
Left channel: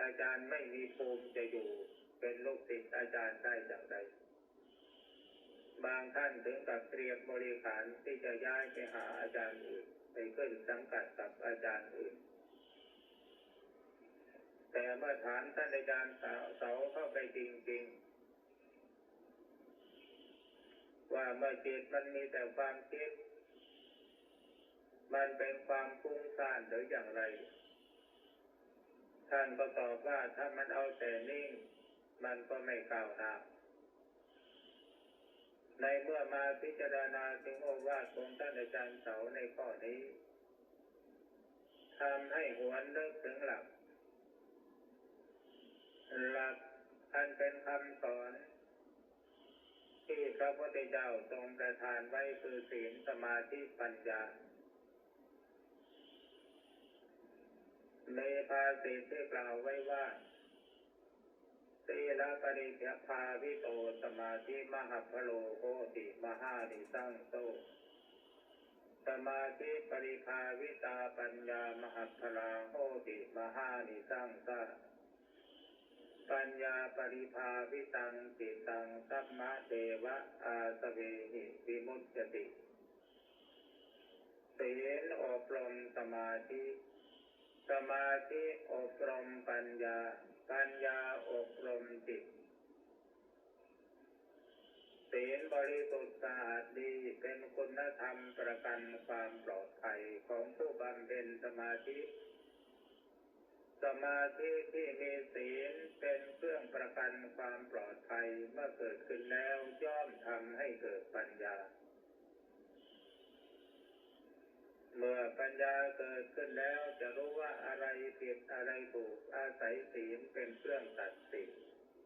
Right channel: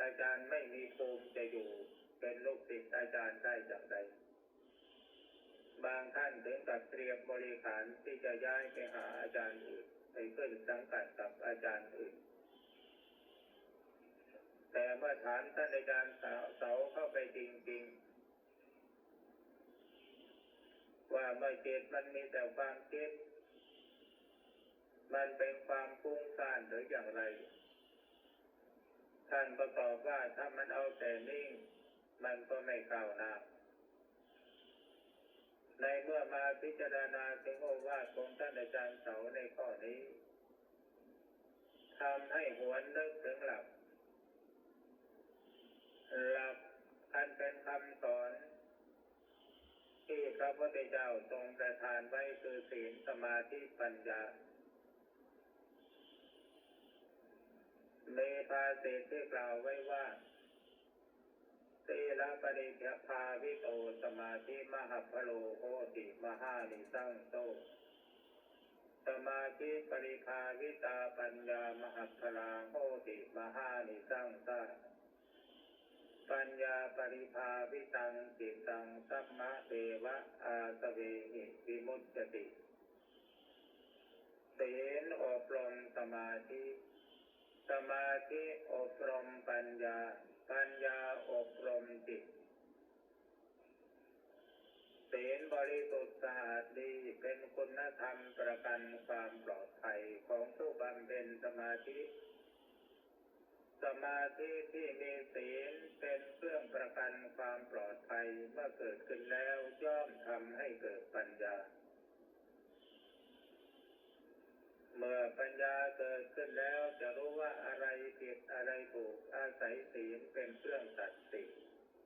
อาจารย์ไม่มีภูมิจะอยู่เป็นลูกศิษย์อาจารย์ได้อย่างไรบางท่านถึงกับเตรียมบริขารที่จะย้ายไปหาอาจารย์อื่นไปขึ้นสังกัดกับอาจารย์อื่นแต่เมื่อถามท่านอาจารย์เสาเข้าไปจริงๆว่าเมื่อจิตมันมีแต่ความคิดมันเป็นความฟุ้งซ่านหรืออย่างไรท่านก็ตอบว่าถ้ามันเอาแต่นิ่งมันก็ไม่ก้าวหน้าในเมื่อมาพิจารณาถึงโอวาทของท่านอาจารย์เสาในข้อนี้ทำให้หวนนึกถึงหลักอันเป็นคำสอนที่พระพุทธเจ้าทรงประทานไว้คือศีลสมาธิปัญญามีภาษิตที่กล่าวไว้ว่าศีลปริภาวิโตสมาธิมหัพพโลโหติมหานิสังโตสมาธิปริภาวิตาปัญญามหัพพลาโหติมหานิสังสาปัญญาปริภาวิตังจิตตังสัมมะเทวะอาสเวหิวิมุตติศีลอบรมสมาธิสมาธิอบรมปัญญาปัญญาอบรมจิตศีลบริสุทธิ์สะอาดดีเป็นคุณธรรมประกันความปลอดภัยของผู้บำเพ็ญสมาธิสมาธิที่มีศีลเป็นเครื่องประกันความปลอดภัยเมื่อเกิดขึ้นแล้วย่อมทำให้เกิดปัญญาเมื่อปัญญาเกิดขึ้นแล้วจะรู้ว่าอะไรผิดอะไรถูกอาศัยศีลเป็นเครื่องตัดสิน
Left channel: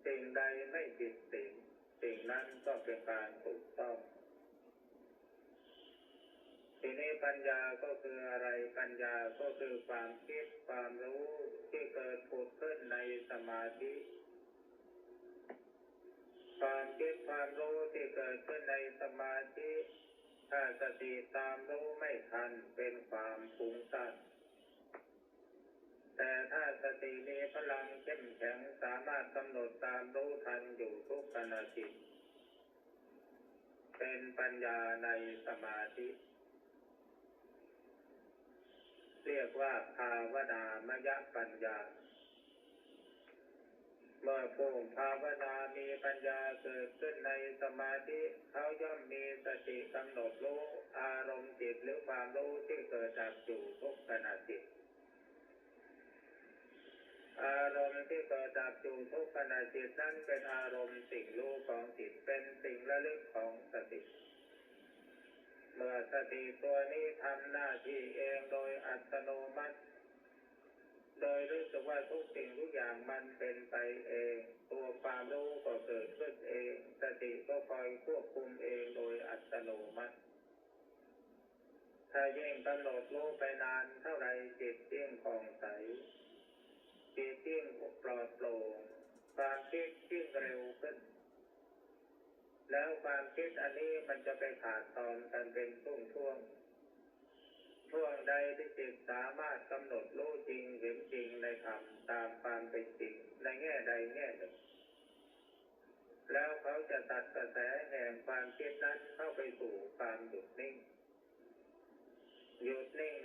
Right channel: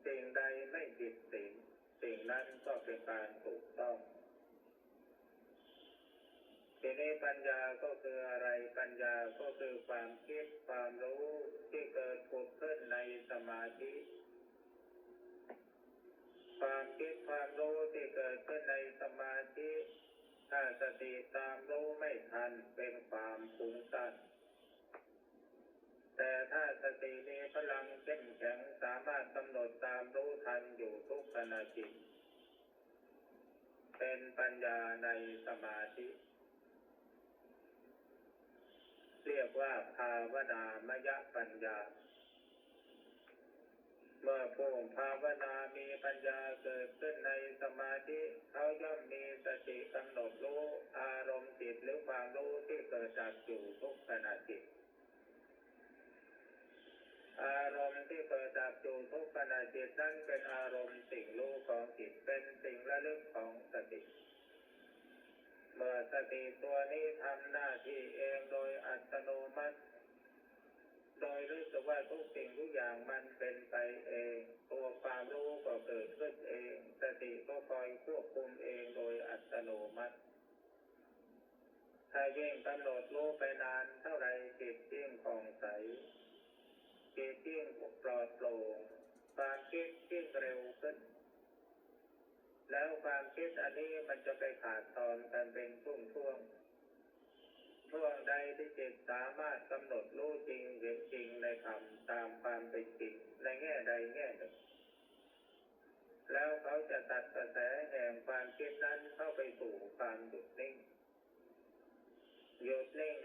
สิ่งใดไม่ผิดศีลสิ่งนั้นก็เป็นการถูกต้องทีนี้ปัญญาก็คืออะไรปัญญาก็คือความคิดความรู้ที่เกิดผุดขึ้นในสมาธิความคิดความรู้ที่เกิดขึ้นในสมาธิถ้าสติตามรู้ไม่ทันเป็นความฟุ้งซ่านแต่ถ้าสติมีพลังเข้มแข็งสามารถกำหนดตามรู้ทันอยู่ทุกขณะจิตเป็นปัญญาในสมาธิเรียกว่าภาวนามยปัญญาเมื่อผู้ภาวนามีปัญญาเกิดขึ้นในสมาธิเขาย่อมมีสติกำหนดรู้อารมณ์จิตหรือความรู้ที่เกิดดับอยู่ทุกขณะจิตอารมณ์ที่เกิดดับอยู่ทุกขณะจิตนั้นเป็นอารมณ์สิ่งรู้ของจิตเป็นสิ่งระลึกของสติเมื่อสติตัวนี้ทำหน้าที่เองโดยอัตโนมัติโดยรู้สึกว่าทุกสิ่งทุกอย่างมันเป็นไปเองตัวความรู้ก็เกิดขึ้นเองสติก็คอยควบคุมเองโดยอัตโนมัติถ้ายิ่งกำหนดรู้ไปนานเท่าไรจิตยิ่งผ่องใสจิตยิ่งปลอดโปร่งความคิดยิ่งเร็วขึ้นแล้วความคิดอันนี้มันจะไปขาดตอนกันเป็นช่วงใดที่จิตสามารถกำหนดรู้จริงเห็นจริงในธรรมตามความเป็นจริงในแง่ใดแง่หนึ่งแล้วเขาจะตัดกระแสแห่งความคิดนั้นเข้าไปสู่ความหยุดนิ่ง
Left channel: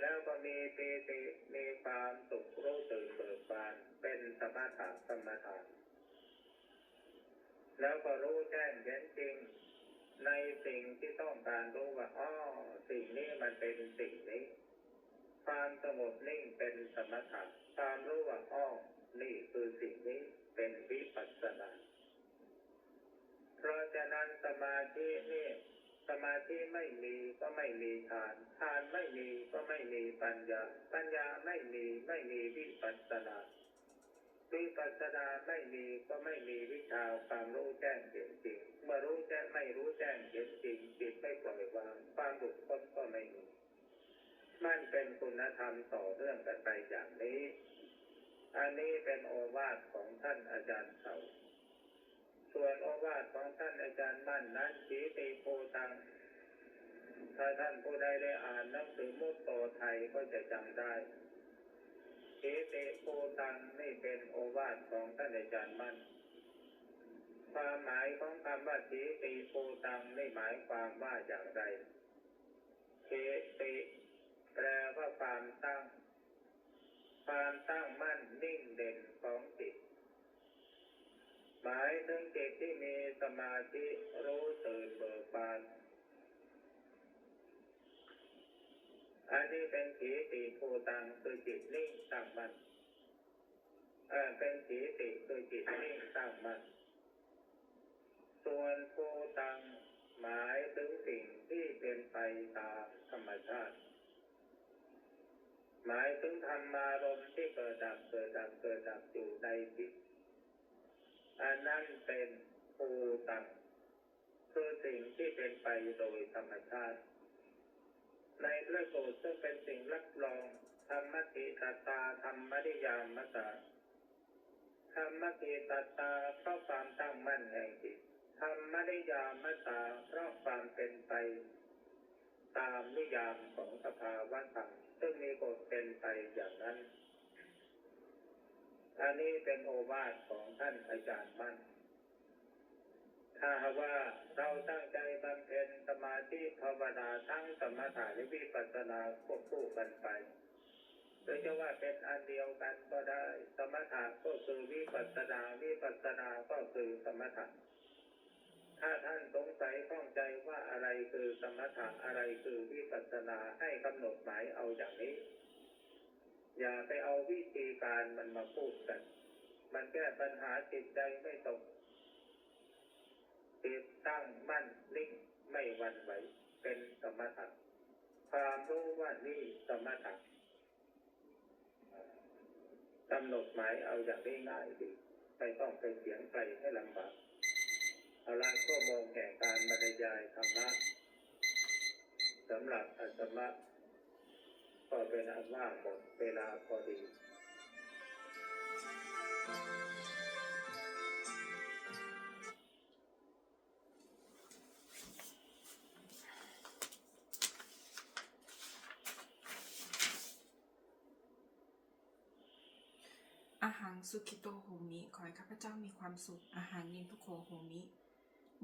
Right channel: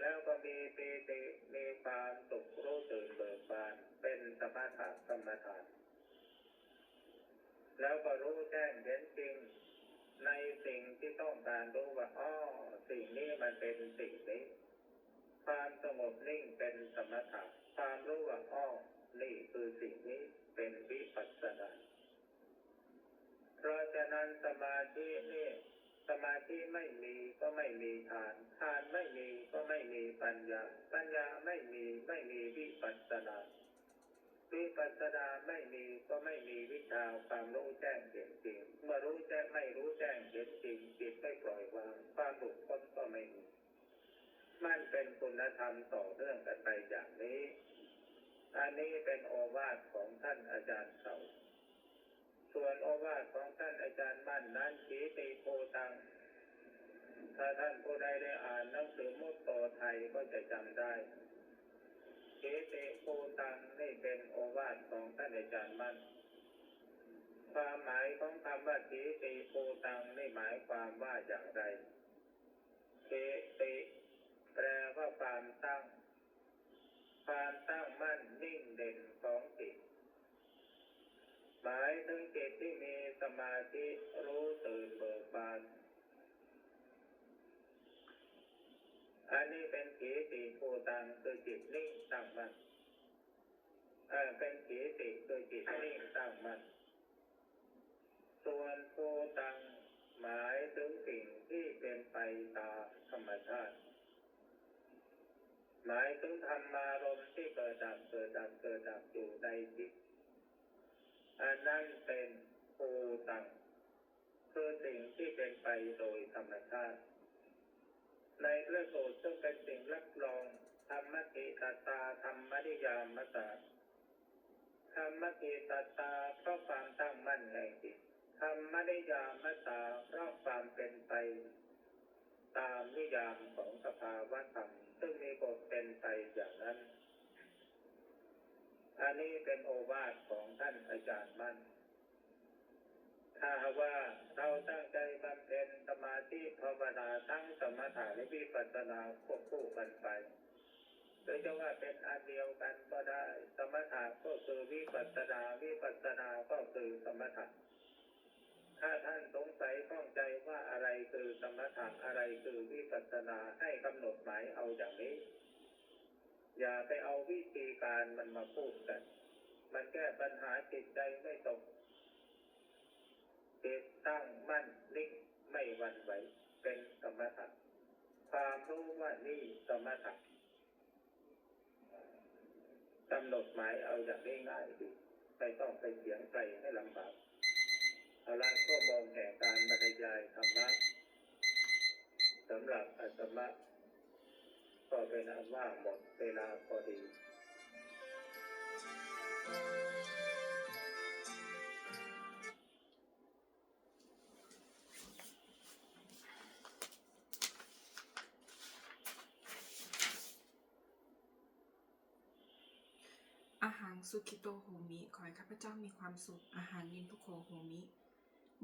แล้วก็มีปีติมีความสุขรู้ตื่นเบิกบานเป็นสมถะกรรมฐานแล้วก็รู้แจ้งเห็นจริงในสิ่งที่ต้องการรู้ว่าสิ่งนี้มันเป็นสิ่งนี้ความสงบนิ่งเป็นสมถะความรู้ว่านี่คือสิ่งนี้เป็นวิปัสสนาเพราะฉะนั้นสมาธิไม่มีก็ไม่มีฌานไม่มีก็ไม่มีปัญญาไม่มีวิปัสสนาไม่มีก็ไม่มีวิชาความรู้แจ้งเห็นจริงเมื่อไม่รู้แจ้งเห็นจริงจิตไม่ปล่อยวางความหลุดพ้นก็ไม่มีมันเป็นคุณธรรมต่อเนื่องกันไปอย่างนี้ อันนี้เป็นโอวาทของท่านอาจารย์เสาส่วนโอวาทของท่านอาจารย์มั่นนั้นขีติโพตังถ้าท่านผู้ใดได้อ่านหนังสือมุตโตไทยก็จะจำได้ขีติโพตังนี่เป็นโอวาทของท่านอาจารย์มั่นความหมายของคำว่าขีติโพตังนี่หมายความว่าอย่างไรขีติแปลว่าความตั้งมั่นนิ่งเด่นของจิตหมายถึงจิตที่มีสมาธิรู้ตื่นเบิกบานอันนี้เป็นขีติโพตังคือจิตนิ่งตั้งมั่นเป็นขีติคือจิตนิ่งตั้งมั่นส่วนโพตังหมายถึงสิ่งที่เป็นไปตามธรรมชาติหมายถึงธรรมารมณ์ที่เกิดดับอยู่ในจิตอันนั้นเป็นโพตังคือสิ่งที่เป็นไปโดยธรรมชาติในพระสูตรซึ่งเป็นสิ่งรับรองธรรมติตตาธรรมนิยามตาธรรมติตตาเพราะความตั้งมั่นแห่งจิตธรรมนิยามตาเพราะความเป็นไปตามนิยามของสภาวะธรรมซึ่งมีกฎเป็นไปอย่างนั้นอันนี้เป็นโอวาทของท่านอาจารย์มั่นถ้าว่าเราตั้งใจบำเพ็ญสมาธิภาวนาทั้งสมถะและวิปัสสนาควบคู่กันไปโดยจะว่าเป็นอันเดียวกันก็ได้สมถะก็คือวิปัสสนาก็คือสมถะถ้าท่านสงสัยข้องใจว่าอะไรคือสมถะอะไรคือวิปัสสนาให้กำหนดหมายเอาอย่างนี้อย่าไปเอาวิธีการมันมาพูดกันมันแก้ปัญหาจิตใจไม่ตกจิตตั้งมั่นนิ่งไม่หวั่นไหวเป็นสมถะความรู้ว่านี่สมถะกำหนดหมายเอาอย่างนี้ง่ายดีไม่ต้องไปเถียงใครให้ลำบากเอาละชั่วโมงแห่งการบรรยายธรรมะสำหรับอาตมาก็เป็นอันว่าหมดเวลาพอดีอาหังสุขิโตโหมิขอให้ข้าพเจ้ามีความสุขอาหังนินทุโขโหมิ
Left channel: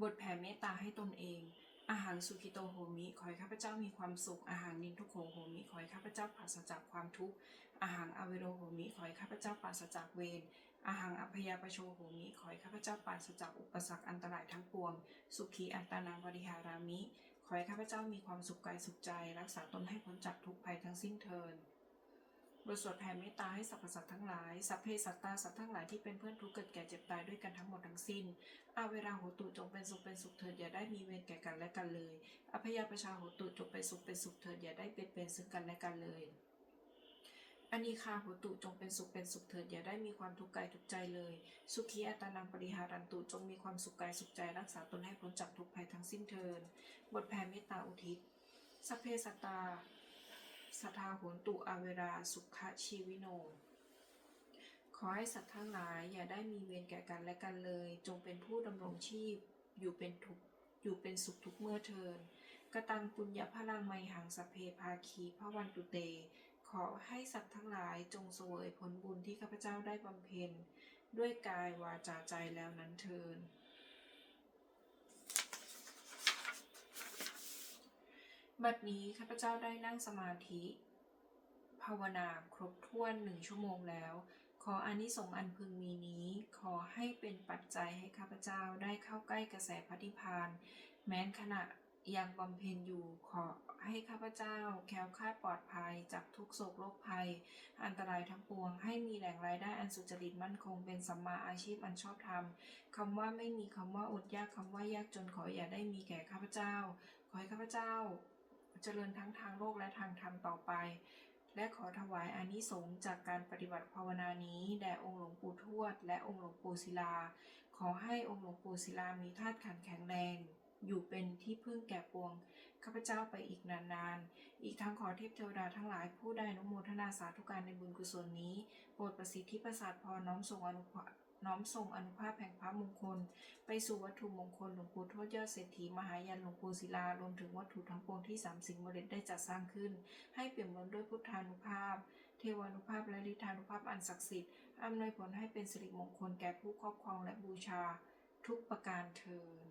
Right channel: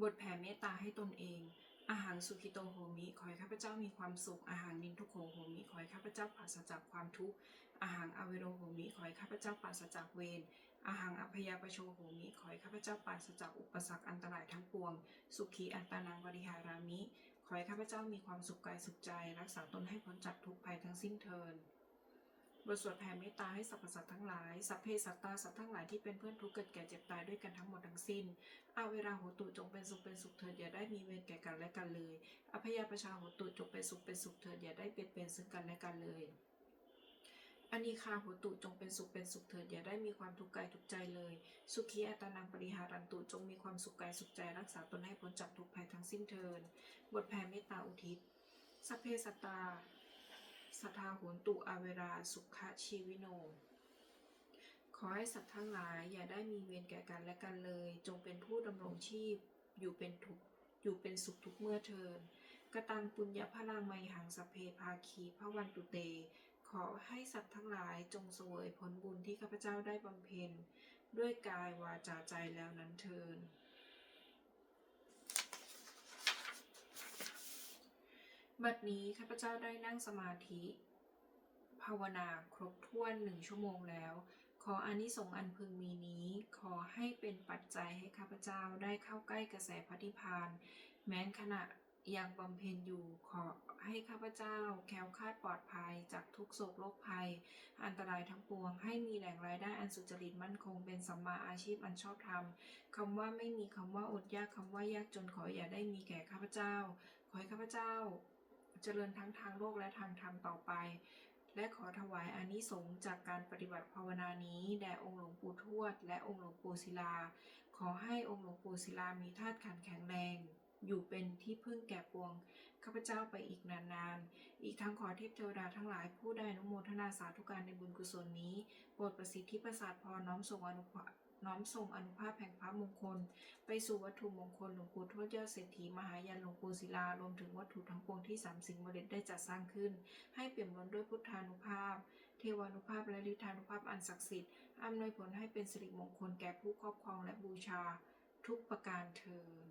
บทแผ่เมตตาให้ตนเองอาหังสุขิโตโหมิขอให้ข้าพเจ้ามีความสุขอาหังนินทุโขโหมิขอให้ข้าพเจ้าปราศจากความทุกข์อาหังอเวโรโหมิขอให้ข้าพเจ้าปราศจากเวรอาหังอภยาปโชโหมิขอให้ข้าพเจ้าปราศจากอุปสรรคอันตรายทั้งปวงสุขีอัตตานังปริหารามิขอให้ข้าพเจ้ามีความสุขกายสุขใจรักษาตนให้พ้นจากทุกภัยทั้งสิ้นเทอญบทสวดแผ่เมตตาให้สรรพสัตว์ทั้งหลายสัพเพสัตตาสัตว์ทั้งหลายที่เป็นเพื่อนทุกข์เกิดแก่เจ็บตายด้วยกันทั้งหมดทั้งสิ้นอาเวราโหตุจงเป็นสุขเถิดอย่าได้มีเวรแก่กันและกันเลยอภยาประชาโหตุจงเป็นสุขเถิดอย่าได้เบียดเบียนซึ่งกันและกันเลยอนีคาโหตุจงเป็นสุขเถิดอย่าได้มีความทุกข์กายทุกใจเลยสุขีอัตตานังปริหารันตุจงมีความสุขกายสุขใจรักษาตนให้พ้นจากทุกภัยทั้งสิ้นเทินบทแผ่เมตตาอุทิศสัพเพสัตตาสัทธาโหตุอาเวราสุขชีวิโนขอให้สัตว์ทั้งหลายอย่าได้มีเวรแก่กันและกันเลยจงเป็นผู้ดำรงชีพอยู่เป็นสุขทุกเมื่อเทินกตังปุญญพลังไมหังสัพเพภาคีพระวันตุเตขอให้สัตว์ทั้งหลายจงเสวยผลบุญที่ข้าพเจ้าได้บำเพ็ญด้วยกายวาจาใจแล้วนั้นเทินบัดนี้ข้าพเจ้าได้นั่งสมาธิภาวนาครบถ้วน1 ชั่วโมงแล้วขออานิสงส์อันพึงมีนี้ขอให้เป็นปัจจัยให้ข้าพเจ้าได้เข้าใกล้กระแสพระนิพพานแม้นขณะยังบำเพ็ญอยู่ขอให้ข้าพเจ้าแคล้วคลาดปลอดภัยจากทุกโศกโรคภัยอันตรายทั้งปวงให้มีแหล่งรายได้อันสุจริตมั่นคงเป็นสัมมาอาชีพอันชอบธรรมคำว่าไม่มีคำว่าอดยากคำว่ายากจนขออย่าได้มีแก่ข้าพเจ้าขอให้ข้าพเจ้าเจริญทั้งทางโลกและทางธรรมต่อไปและขอถวายอานิสงส์จากการปฏิบัติภาวนานี้แด่องค์หลวงปู่ทวดและองค์หลวงปู่ศิลาขอให้องค์หลวงปู่ศิลามีธาตุขันธ์แข็งแรงอยู่เป็นที่พึ่งแก่ปวงข้าพเจ้าไปอีกนานๆ อีกทั้งขอเทพเทวดาทั้งหลายผู้ได้อนุโมทนาสาธุการในบุญกุศลนี้โปรดประสิทธิประสาทพรน้อมส่งอนุภาพแห่งพระมงคลไปสู่วัตถุมงคลหลวงปู่ทวดยอดเศรษฐีมหายันหลวงปู่ศิลารวมถึงวัตถุทั้งปวงที่สามสิ่งบริเดได้จัดสร้างขึ้นให้เปี่ยมล้นด้วยพุทธานุภาพเทวานุภาพและฤทธานุภาพอันศักดิ์สิทธิ์อำนวยผลให้เป็นสิริมงคลแก่ผู้ครอบครองและบูชาทุกประการเทอญ